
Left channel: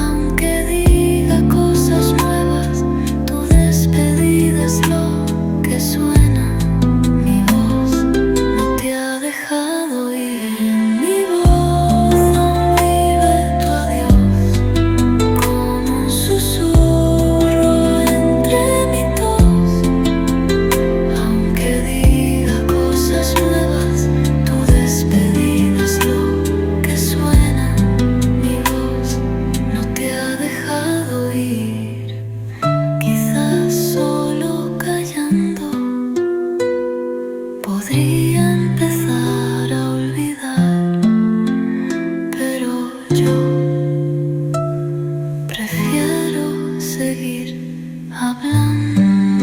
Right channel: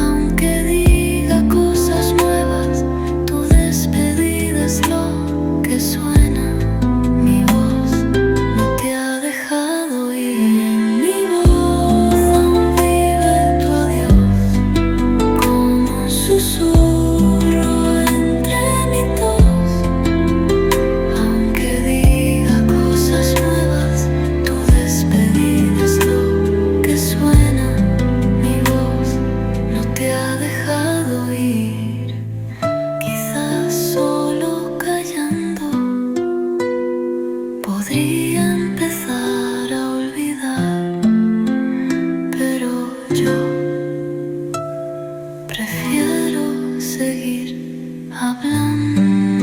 Aunque diga cosas nuevas, tu despedida es lo que suena. Mi voz no te ha dejado ir. En mi voz aún vive tu adiós, como un susurro entre mi tos. Aunque diga cosas nuevas, tu despedida es lo que suena. Mi voz no te ha dejado ir. Quizás solo callando podría empezar a olvidar, pero yo prefiero seguir hablándote.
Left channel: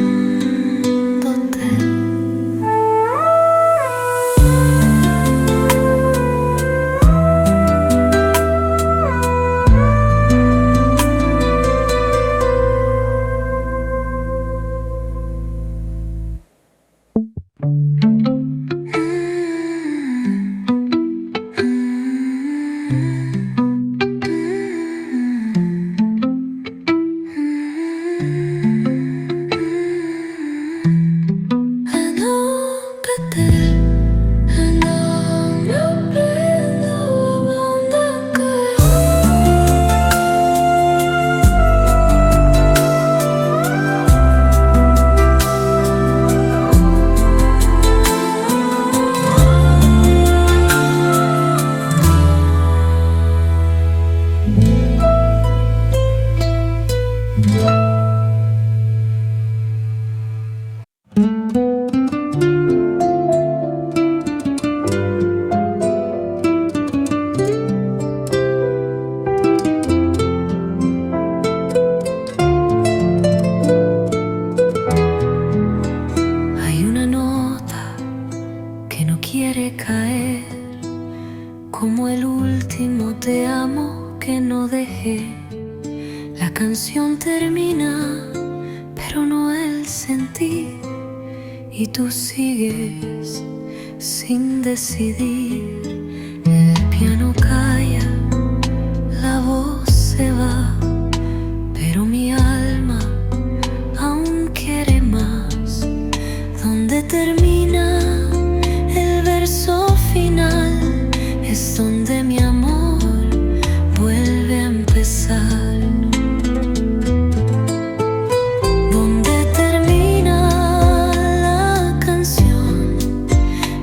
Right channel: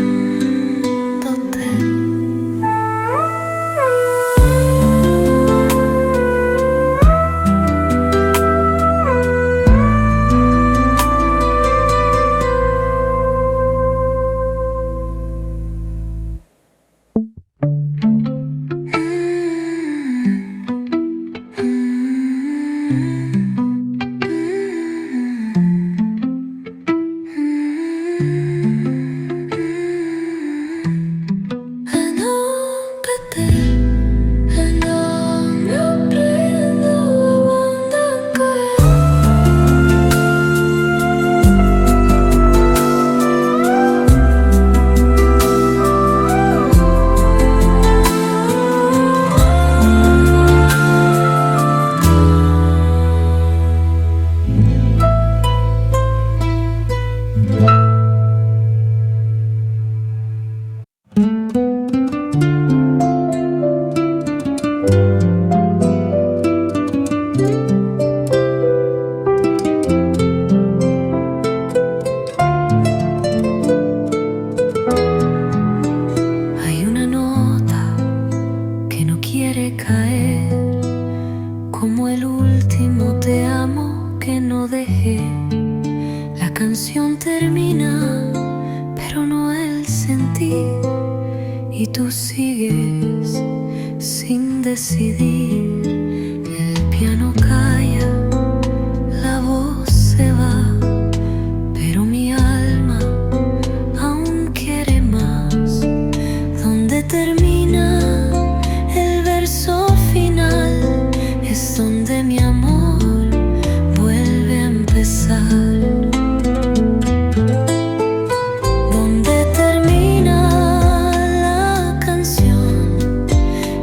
termina, pero no el sentir, y tú sigues sin decidir. El piano calla, la voz se va, pero mi alma aún quiere más. Donde termina el verso final es donde mi amor vuelve a empezar. Donde termina la canción,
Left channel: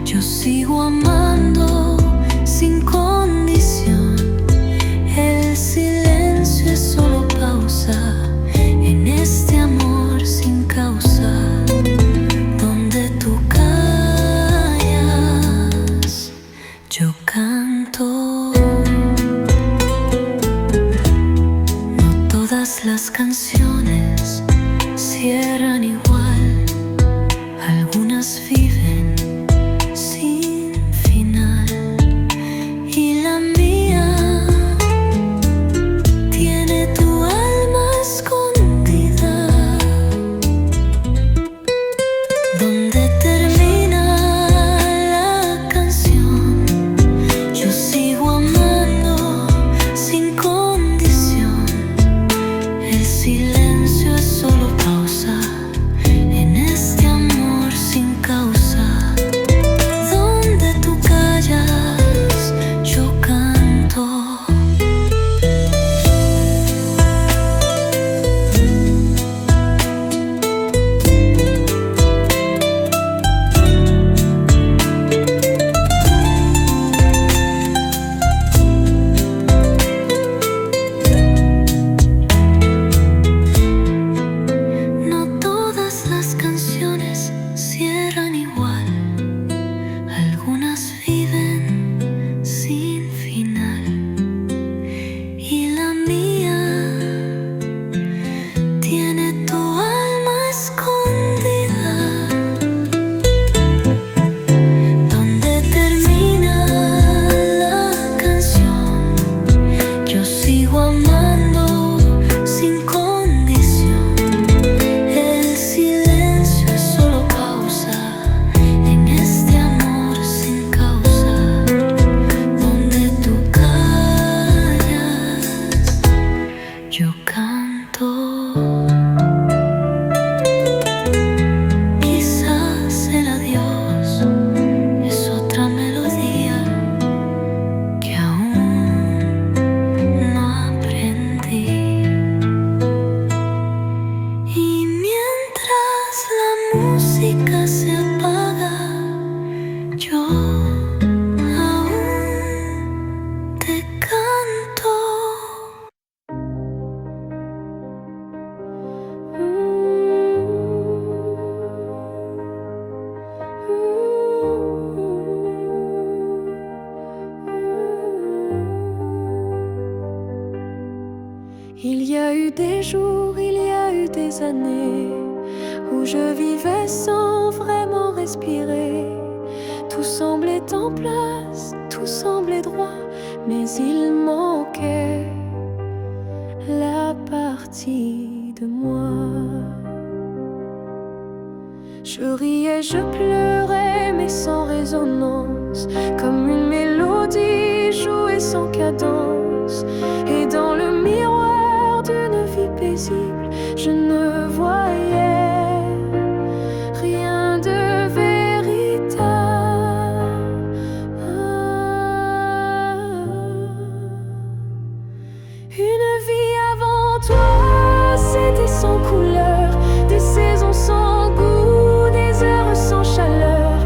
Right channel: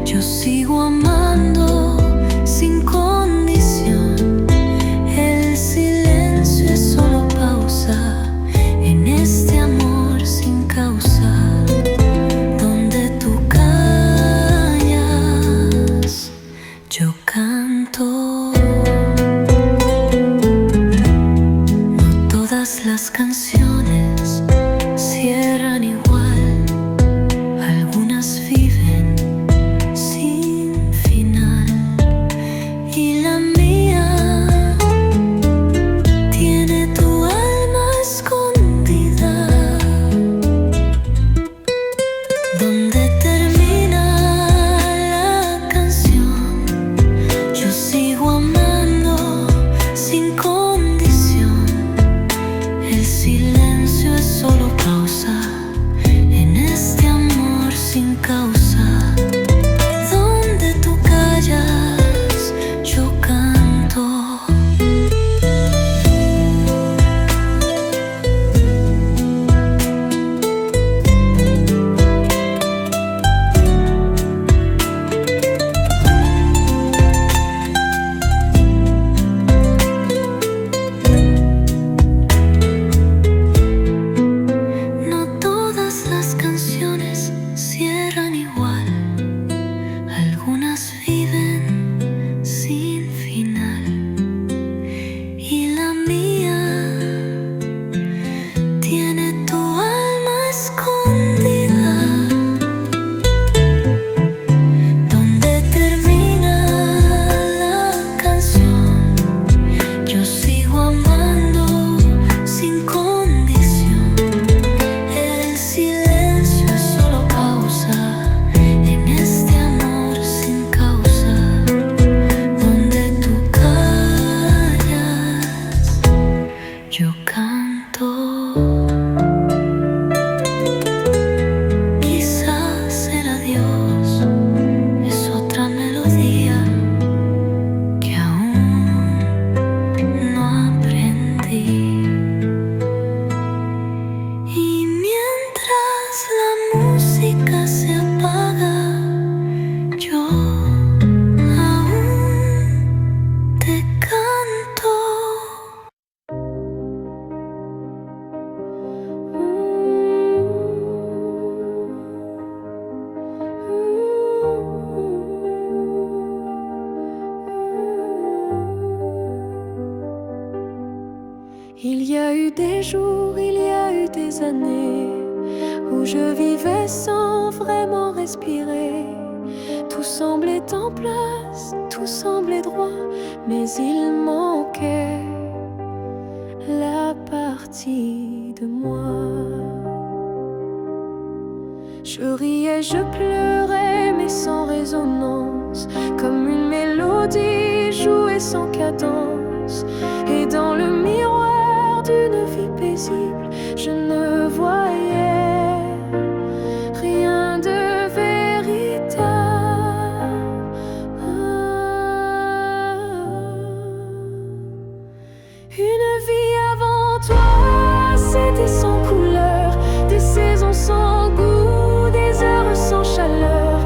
yo sigo amando sin condición. El silencio es solo pausa en este amor sin causa. Donde tú callas, yo canto. No todas las canciones cierran igual, algunas viven sin final, y la mía tiene tu alma escondida. Donde termina la canción, yo sigo amando sin condición. El silencio es solo pausa en este amor sin causa. Donde tú callas, yo canto. Las canciones cierran igual, algunas viven sin final, y la mía tiene tu alma escondida. Donde termina la canción, yo sigo amando sin condición. El silencio es solo pausa en este amor sin causa. Donde tú callas, yo canto. Quizás el adiós es otra melodía que aún no aprendí. Y mientras la música se apaga, yo aún te canto. Il y a eu des jours, il y a eu des années où je vivais sans vraiment respirer. Tout semblait en place, tout semblait droit, mais il manquait la partie de moi. Je riais, je pleurais, mais sans résonance, comme une mélodie jouée sans cadence. Et dans le miroir d'une vie paisible, je ne voyais rien de véritable. Une vie avant toi, c'était sans couleur, des saisons sans goût, des heures sans chaleur.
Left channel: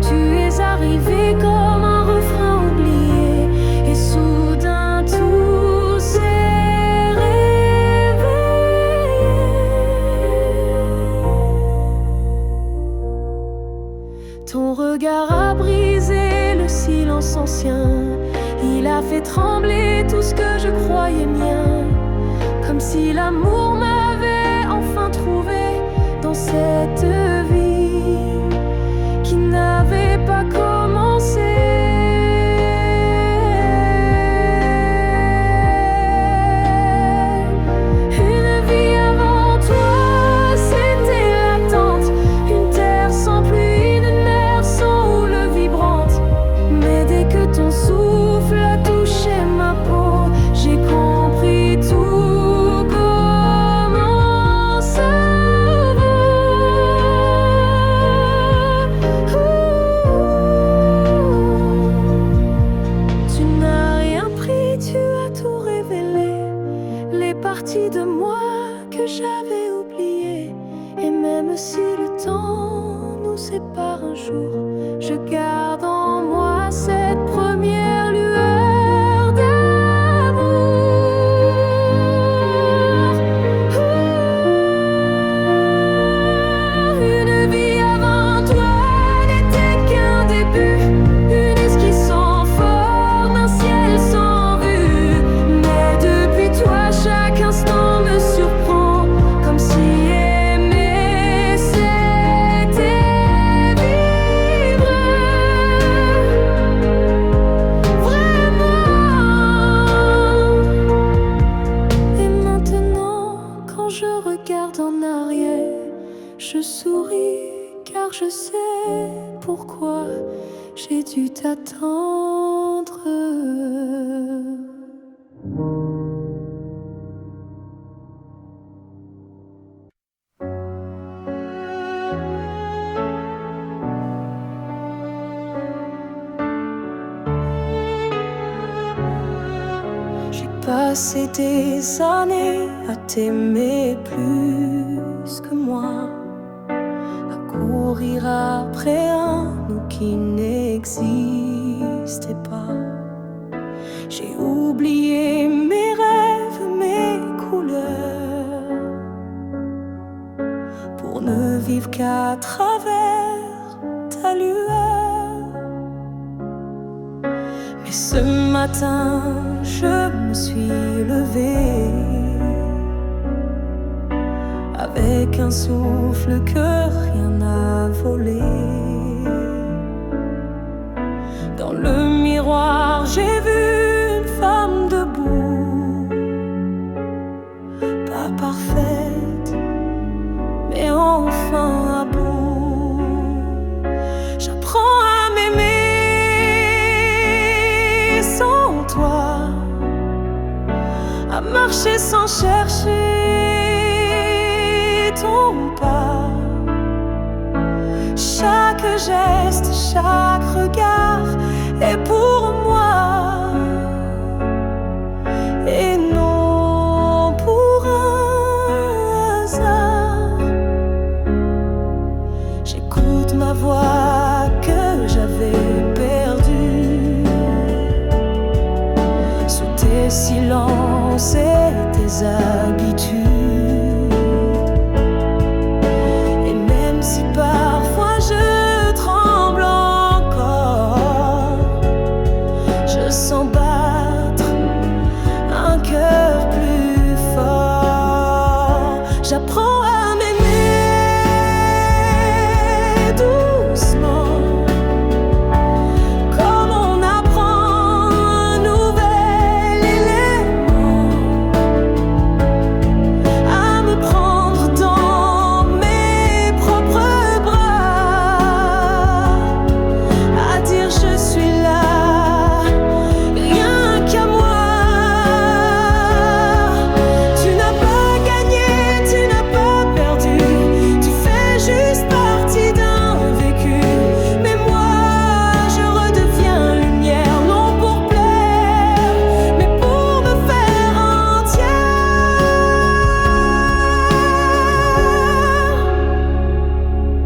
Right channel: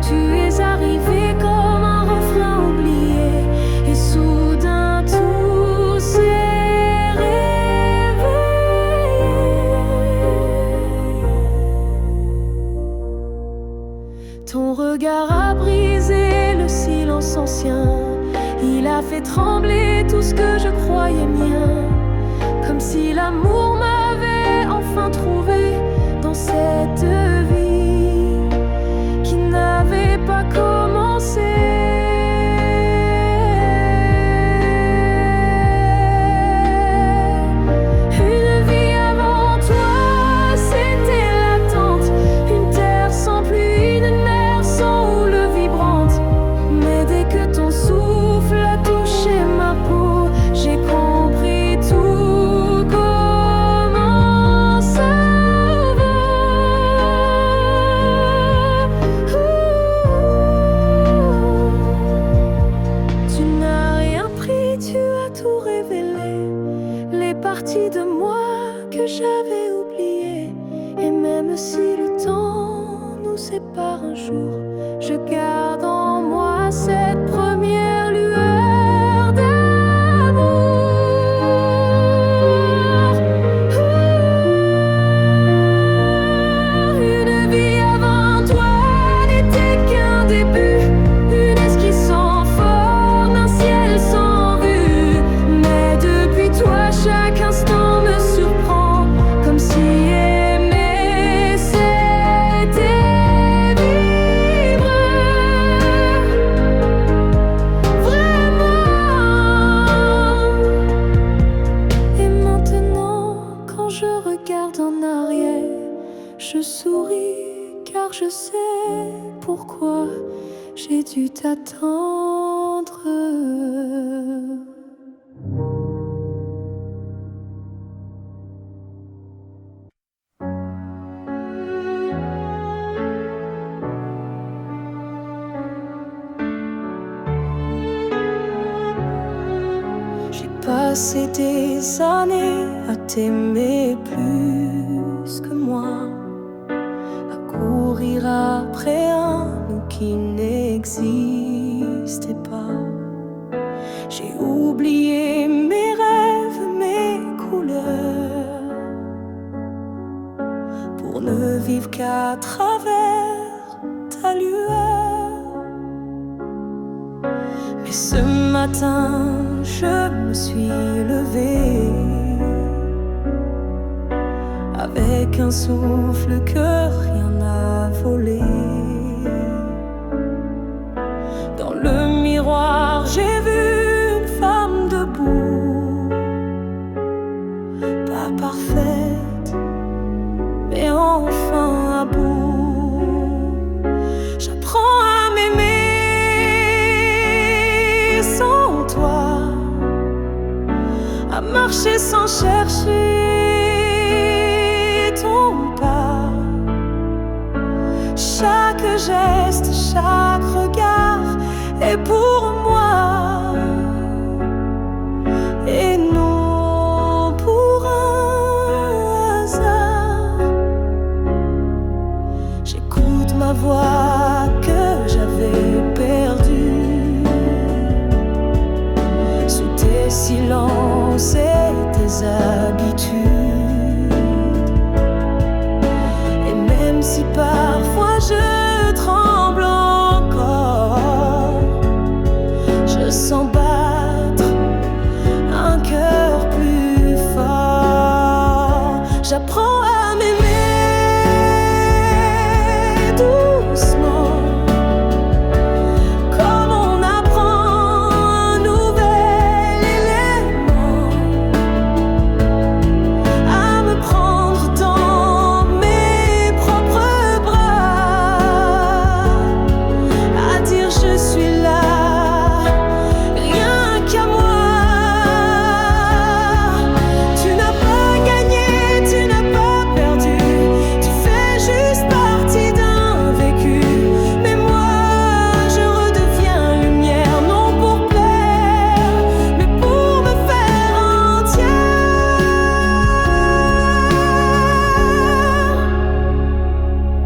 Tu es arrivé comme un refrain oublié, et soudain tout s'est réveillé. Ton regard a brisé le silence ancien, il a fait trembler tout ce que je croyais mien, comme si l'amour m'avait enfin trouvé dans cette vie qui n'avait pas commencé. Une vie ton souffle a touché ma peau, j'ai compris tout comment ça vaut. Tu n'as rien pris, tu as tout révélé, les parties de moi que j'avais oubliées. Et même si le temps nous sépare un jour, je garde en moi cette première lueur d'amour. Une vie avant toi n'était qu'un début, une esquisse sans forme, un ciel sans vue. Mais depuis toi, chaque instant me surprend, comme si aimer c'était vivre vraiment. Et maintenant, quand je regarde en arrière, je souris car je sais pourquoi j'ai dû t'attendre. J'ai passé des années à t'aimer plus que moi, à courir après un nous qui n'existait pas. J'ai oublié mes rêves, mes couleurs, pour ne vivre qu'à travers ta lueur. Mais ce matin, je me suis levée avec un souffle que rien n'a volé. Dans le miroir, j'ai vu une femme debout, pas parfaite, mais enfin à bout. J'apprends à m'aimer sans toi, à marcher sans chercher ton pas. Chaque geste, chaque regard est pour moi, et non pour un hasard. J'écoute ma voix que j'avais perdue sous tes silences et tes habitudes. Et même si parfois je tremble encore, je sens battre un cœur plus fort. J'apprends à m'aimer doucement, comme on apprend un nouvel élément, à me prendre dans mes propres bras, à dire je suis là, rien qu'à moi. Tu n'as pas gagné, tu n'as pas perdu, tu fais juste partie d'un vécu. Mais moi, je redeviens lumière, non pour plaire, mais pour me faire entière.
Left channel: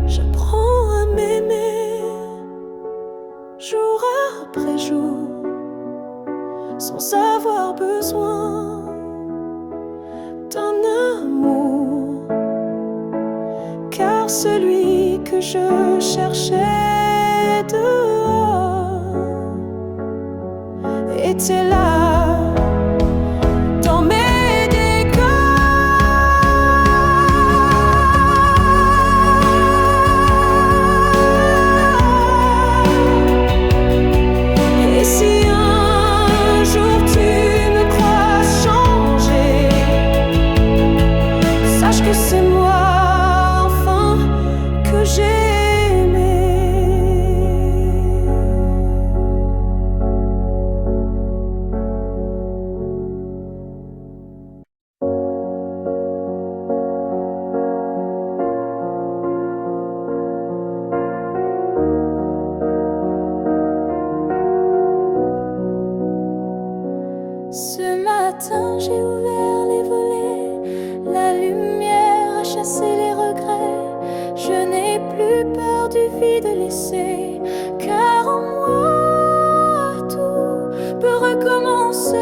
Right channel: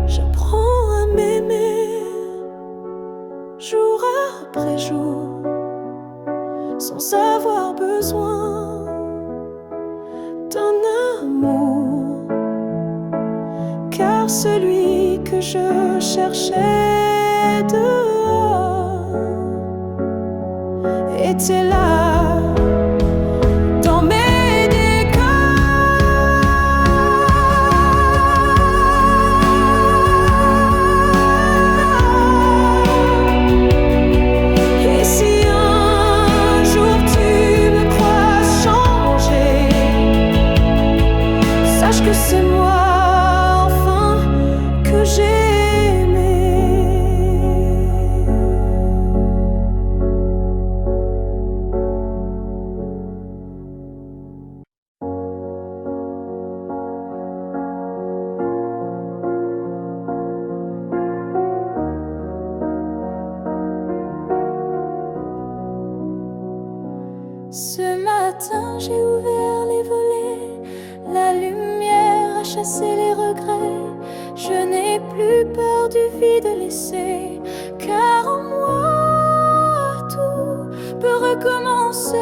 J'apprends à m'aimer jour après jour, sans avoir besoin d'un amour, car celui que je cherchais dehors était là dans mes décors. Et si un jour tu me crois changer, sache que c'est moi enfin que j'ai aimé. j'ai ouvert les volets, la lumière a chassé les regrets. Je n'ai plus peur du vide laissé, car en moi tout peut recommencer.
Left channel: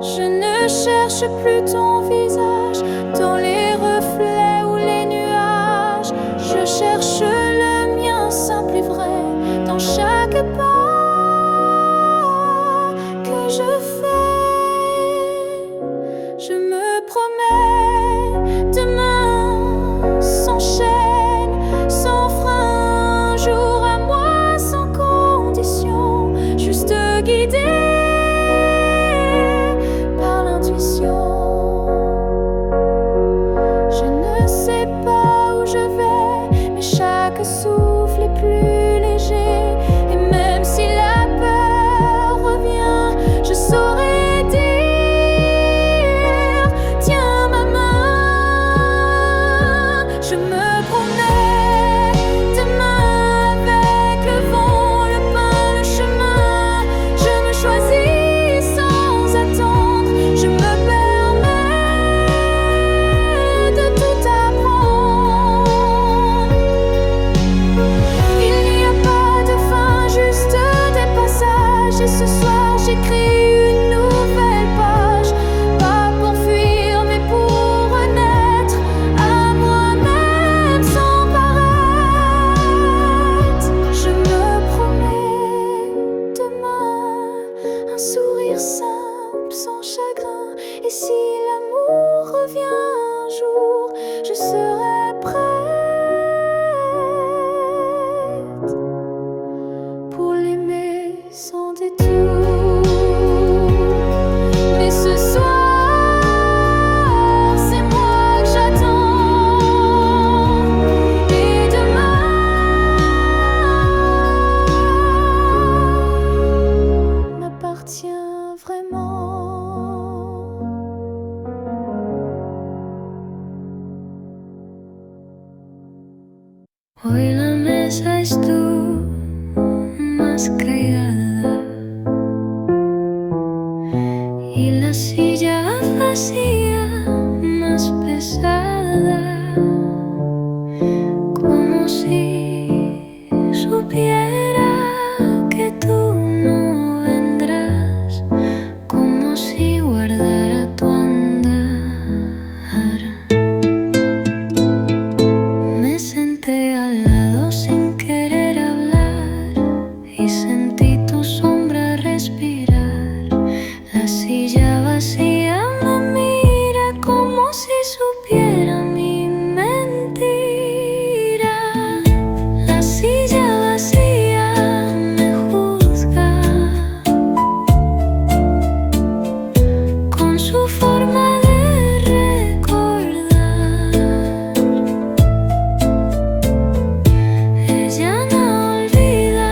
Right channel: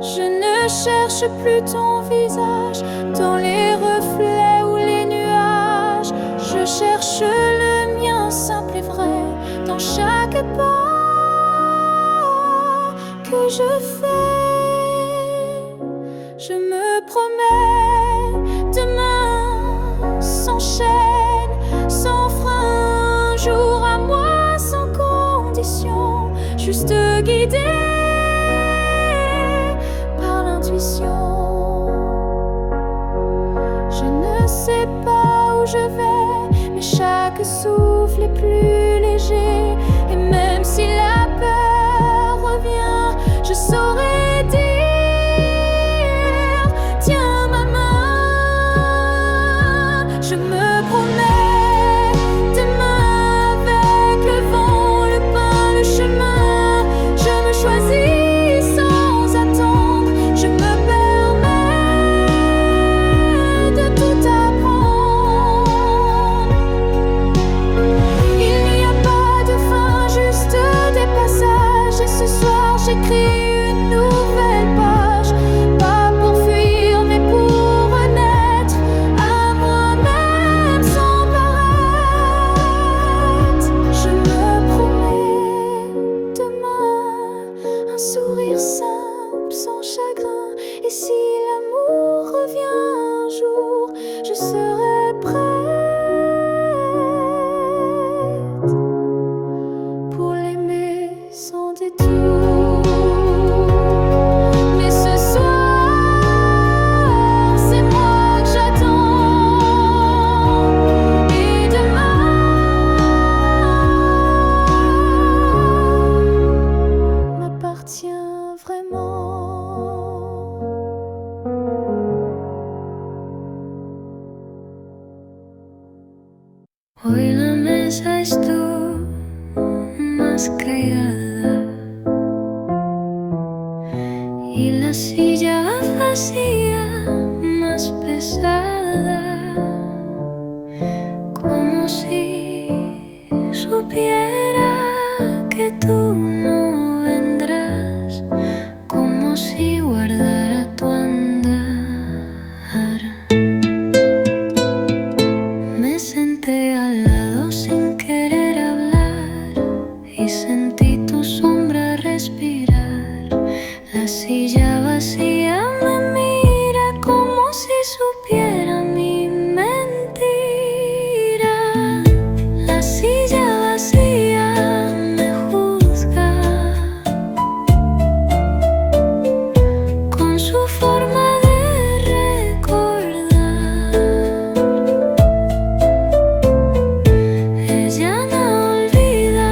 Je ne cherche plus ton visage dans les reflets ou les nuages. Je cherche le mien simple et vrai dans chaque pas que je fais. Je me promets demain sans chaîne, sans frein, jour à moi sans condition, juste guidé par l'intuition. Je ne sais pas où je vais, mais chaque souffle est plus léger. Et même si la peur revient, je saurai dire: tiens ma main. Je me promets demain avec le vent, le pain, le chemin. Je me choisis sans attendre, je me permets de tout apprendre. Il n'y a pas de fin, juste des passages. Et ce soir j'écris une nouvelle page, pas pour fuir mais pour renaître à moi-même sans paraître. Je me promets demain un sourire simple sans chagrin. Et si l'amour revient un jour, je serai prête pour l'aimer sans détour. Mais ce soir, c'est moi que j'attends. Et demain m'appartient vraiment. Hoy la mesa estuvo más callada y la silla vacía más pesada, como si supiera que tú no vendrás, como si guardara tu andar. Me senté al lado sin querer hablar y sentí tu sombra respirar. La silla vacía me mira como si supiera mi mentira. La silla vacía me juzga con su forma de recordar. Ella no olvida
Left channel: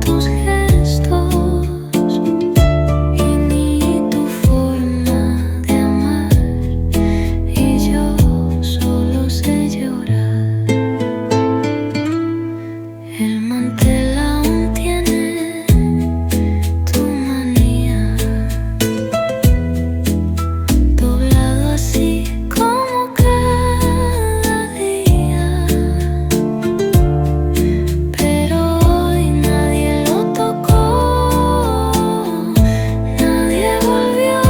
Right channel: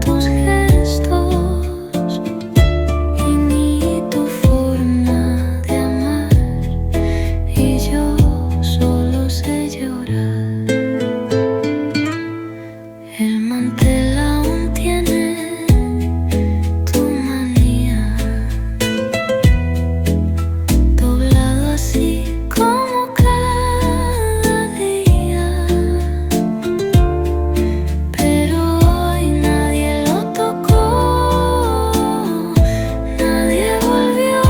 tus gestos y ni tu forma de amar, y yo solo sé llorar. El mantel aún tiene tu manía, doblado así como cada día. Pero hoy nadie lo tocó, nadie volvió,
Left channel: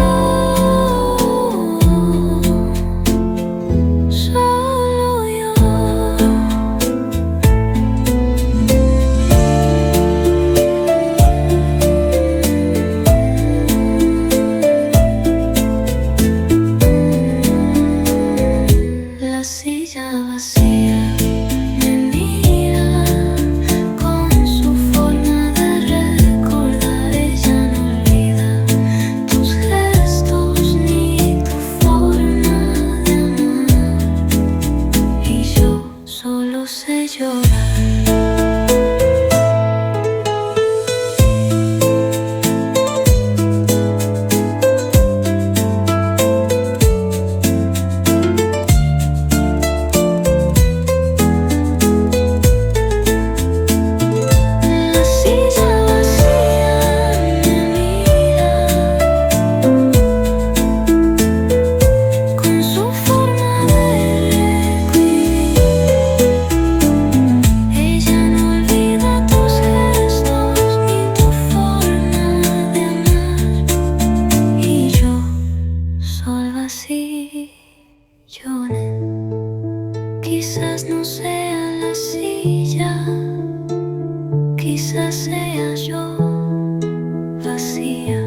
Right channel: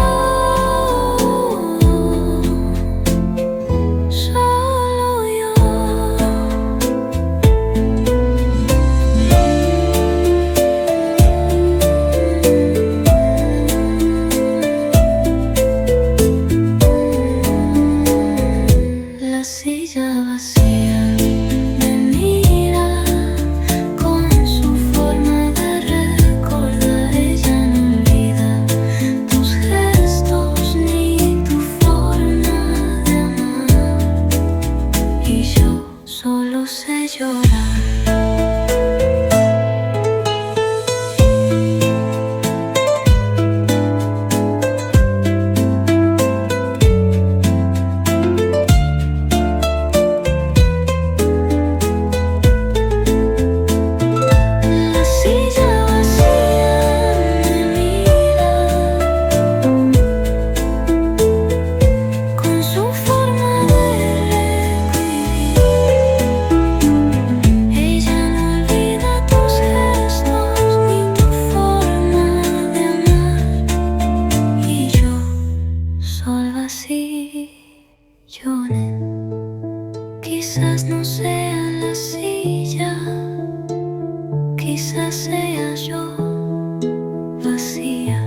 solo yo. La silla vacía me mira con su forma de recordar. Ella no olvida tus gestos ni tu forma de amar, y yo solo sé llorar. Quizás no sea la silla, quizás sea yo vacía.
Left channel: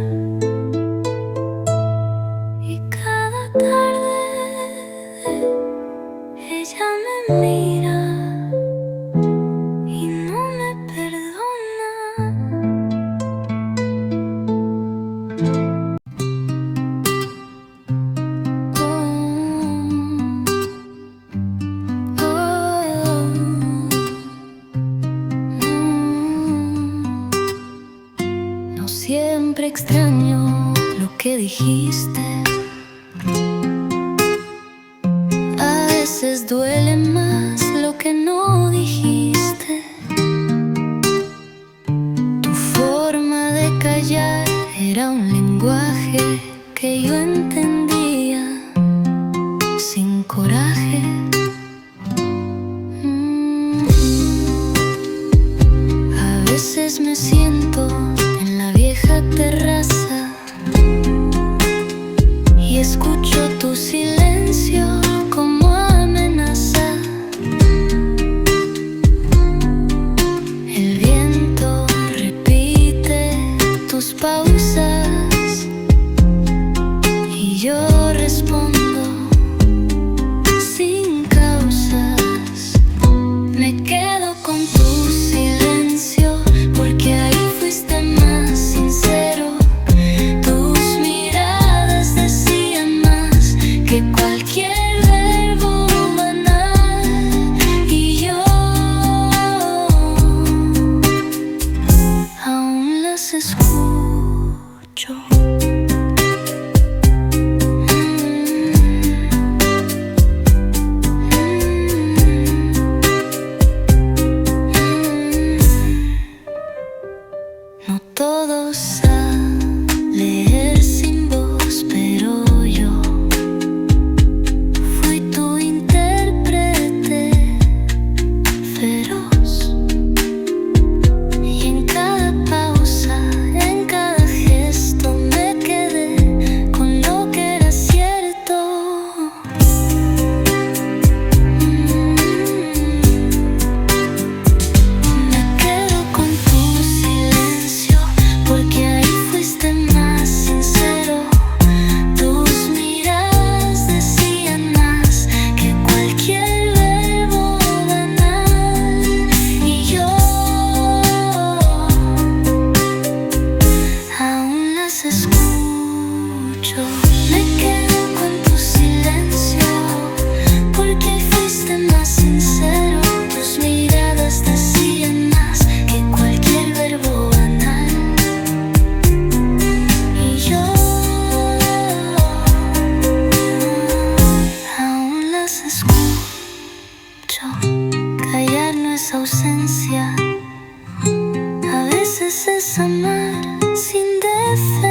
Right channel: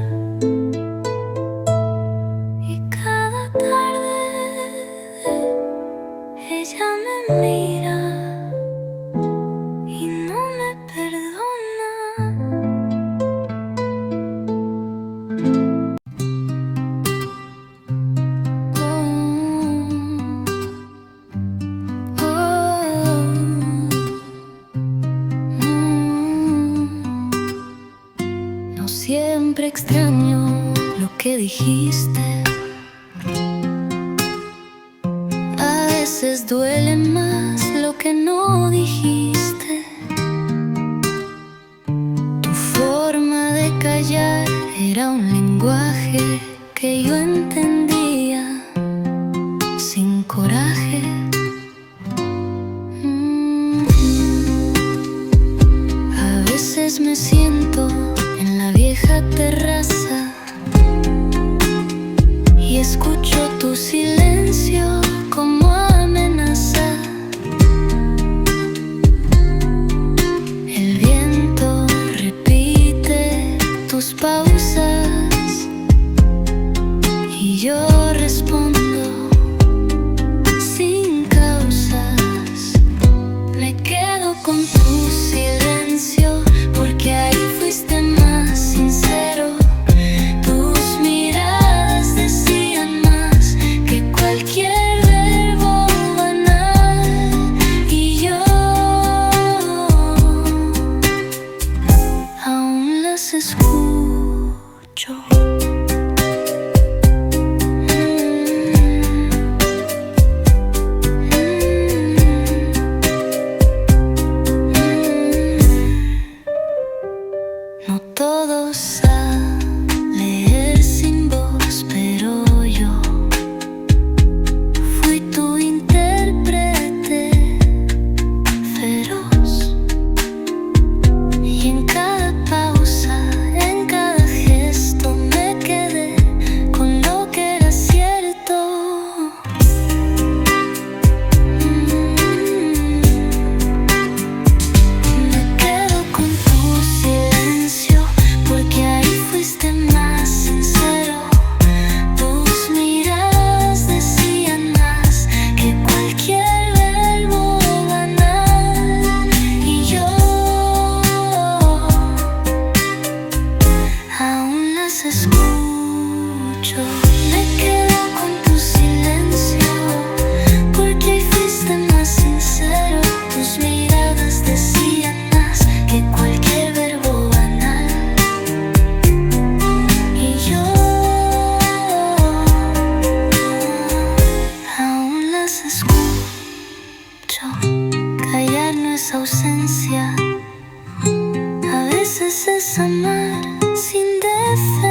Y cada tarde ella me mira y no me perdona. No siempre extraño lo que dijiste. A veces duele más lo que no dijiste. Tu forma de callar era un lenguaje que yo entendía sin coraje. A veces me siento en la vieja terraza y escucho tu silencio como amenaza. El viento repite tus pausas y yo respondo sin causas. Me quedo con tu silencio porque ahí fuiste más sincero. Tus miradas decían más que cualquier verbo banal. Y yo aún las escucho. No todos saben leer sin voz, pero yo fui tu intérprete feroz. Y en cada pausa, en cada gesto, me quedé con lo que era cierto. Me quedo con tu silencio porque ahí fuiste más sincero. Tus miradas decían más que cualquier verbo banal. Y yo aún las escucho. Me quedo con tu silencio porque ahí fuiste más sincero. Tus miradas decían más que cualquier verbo banal. Y yo aún las escucho. Callar no es ausencia, a veces es amar sin defensa.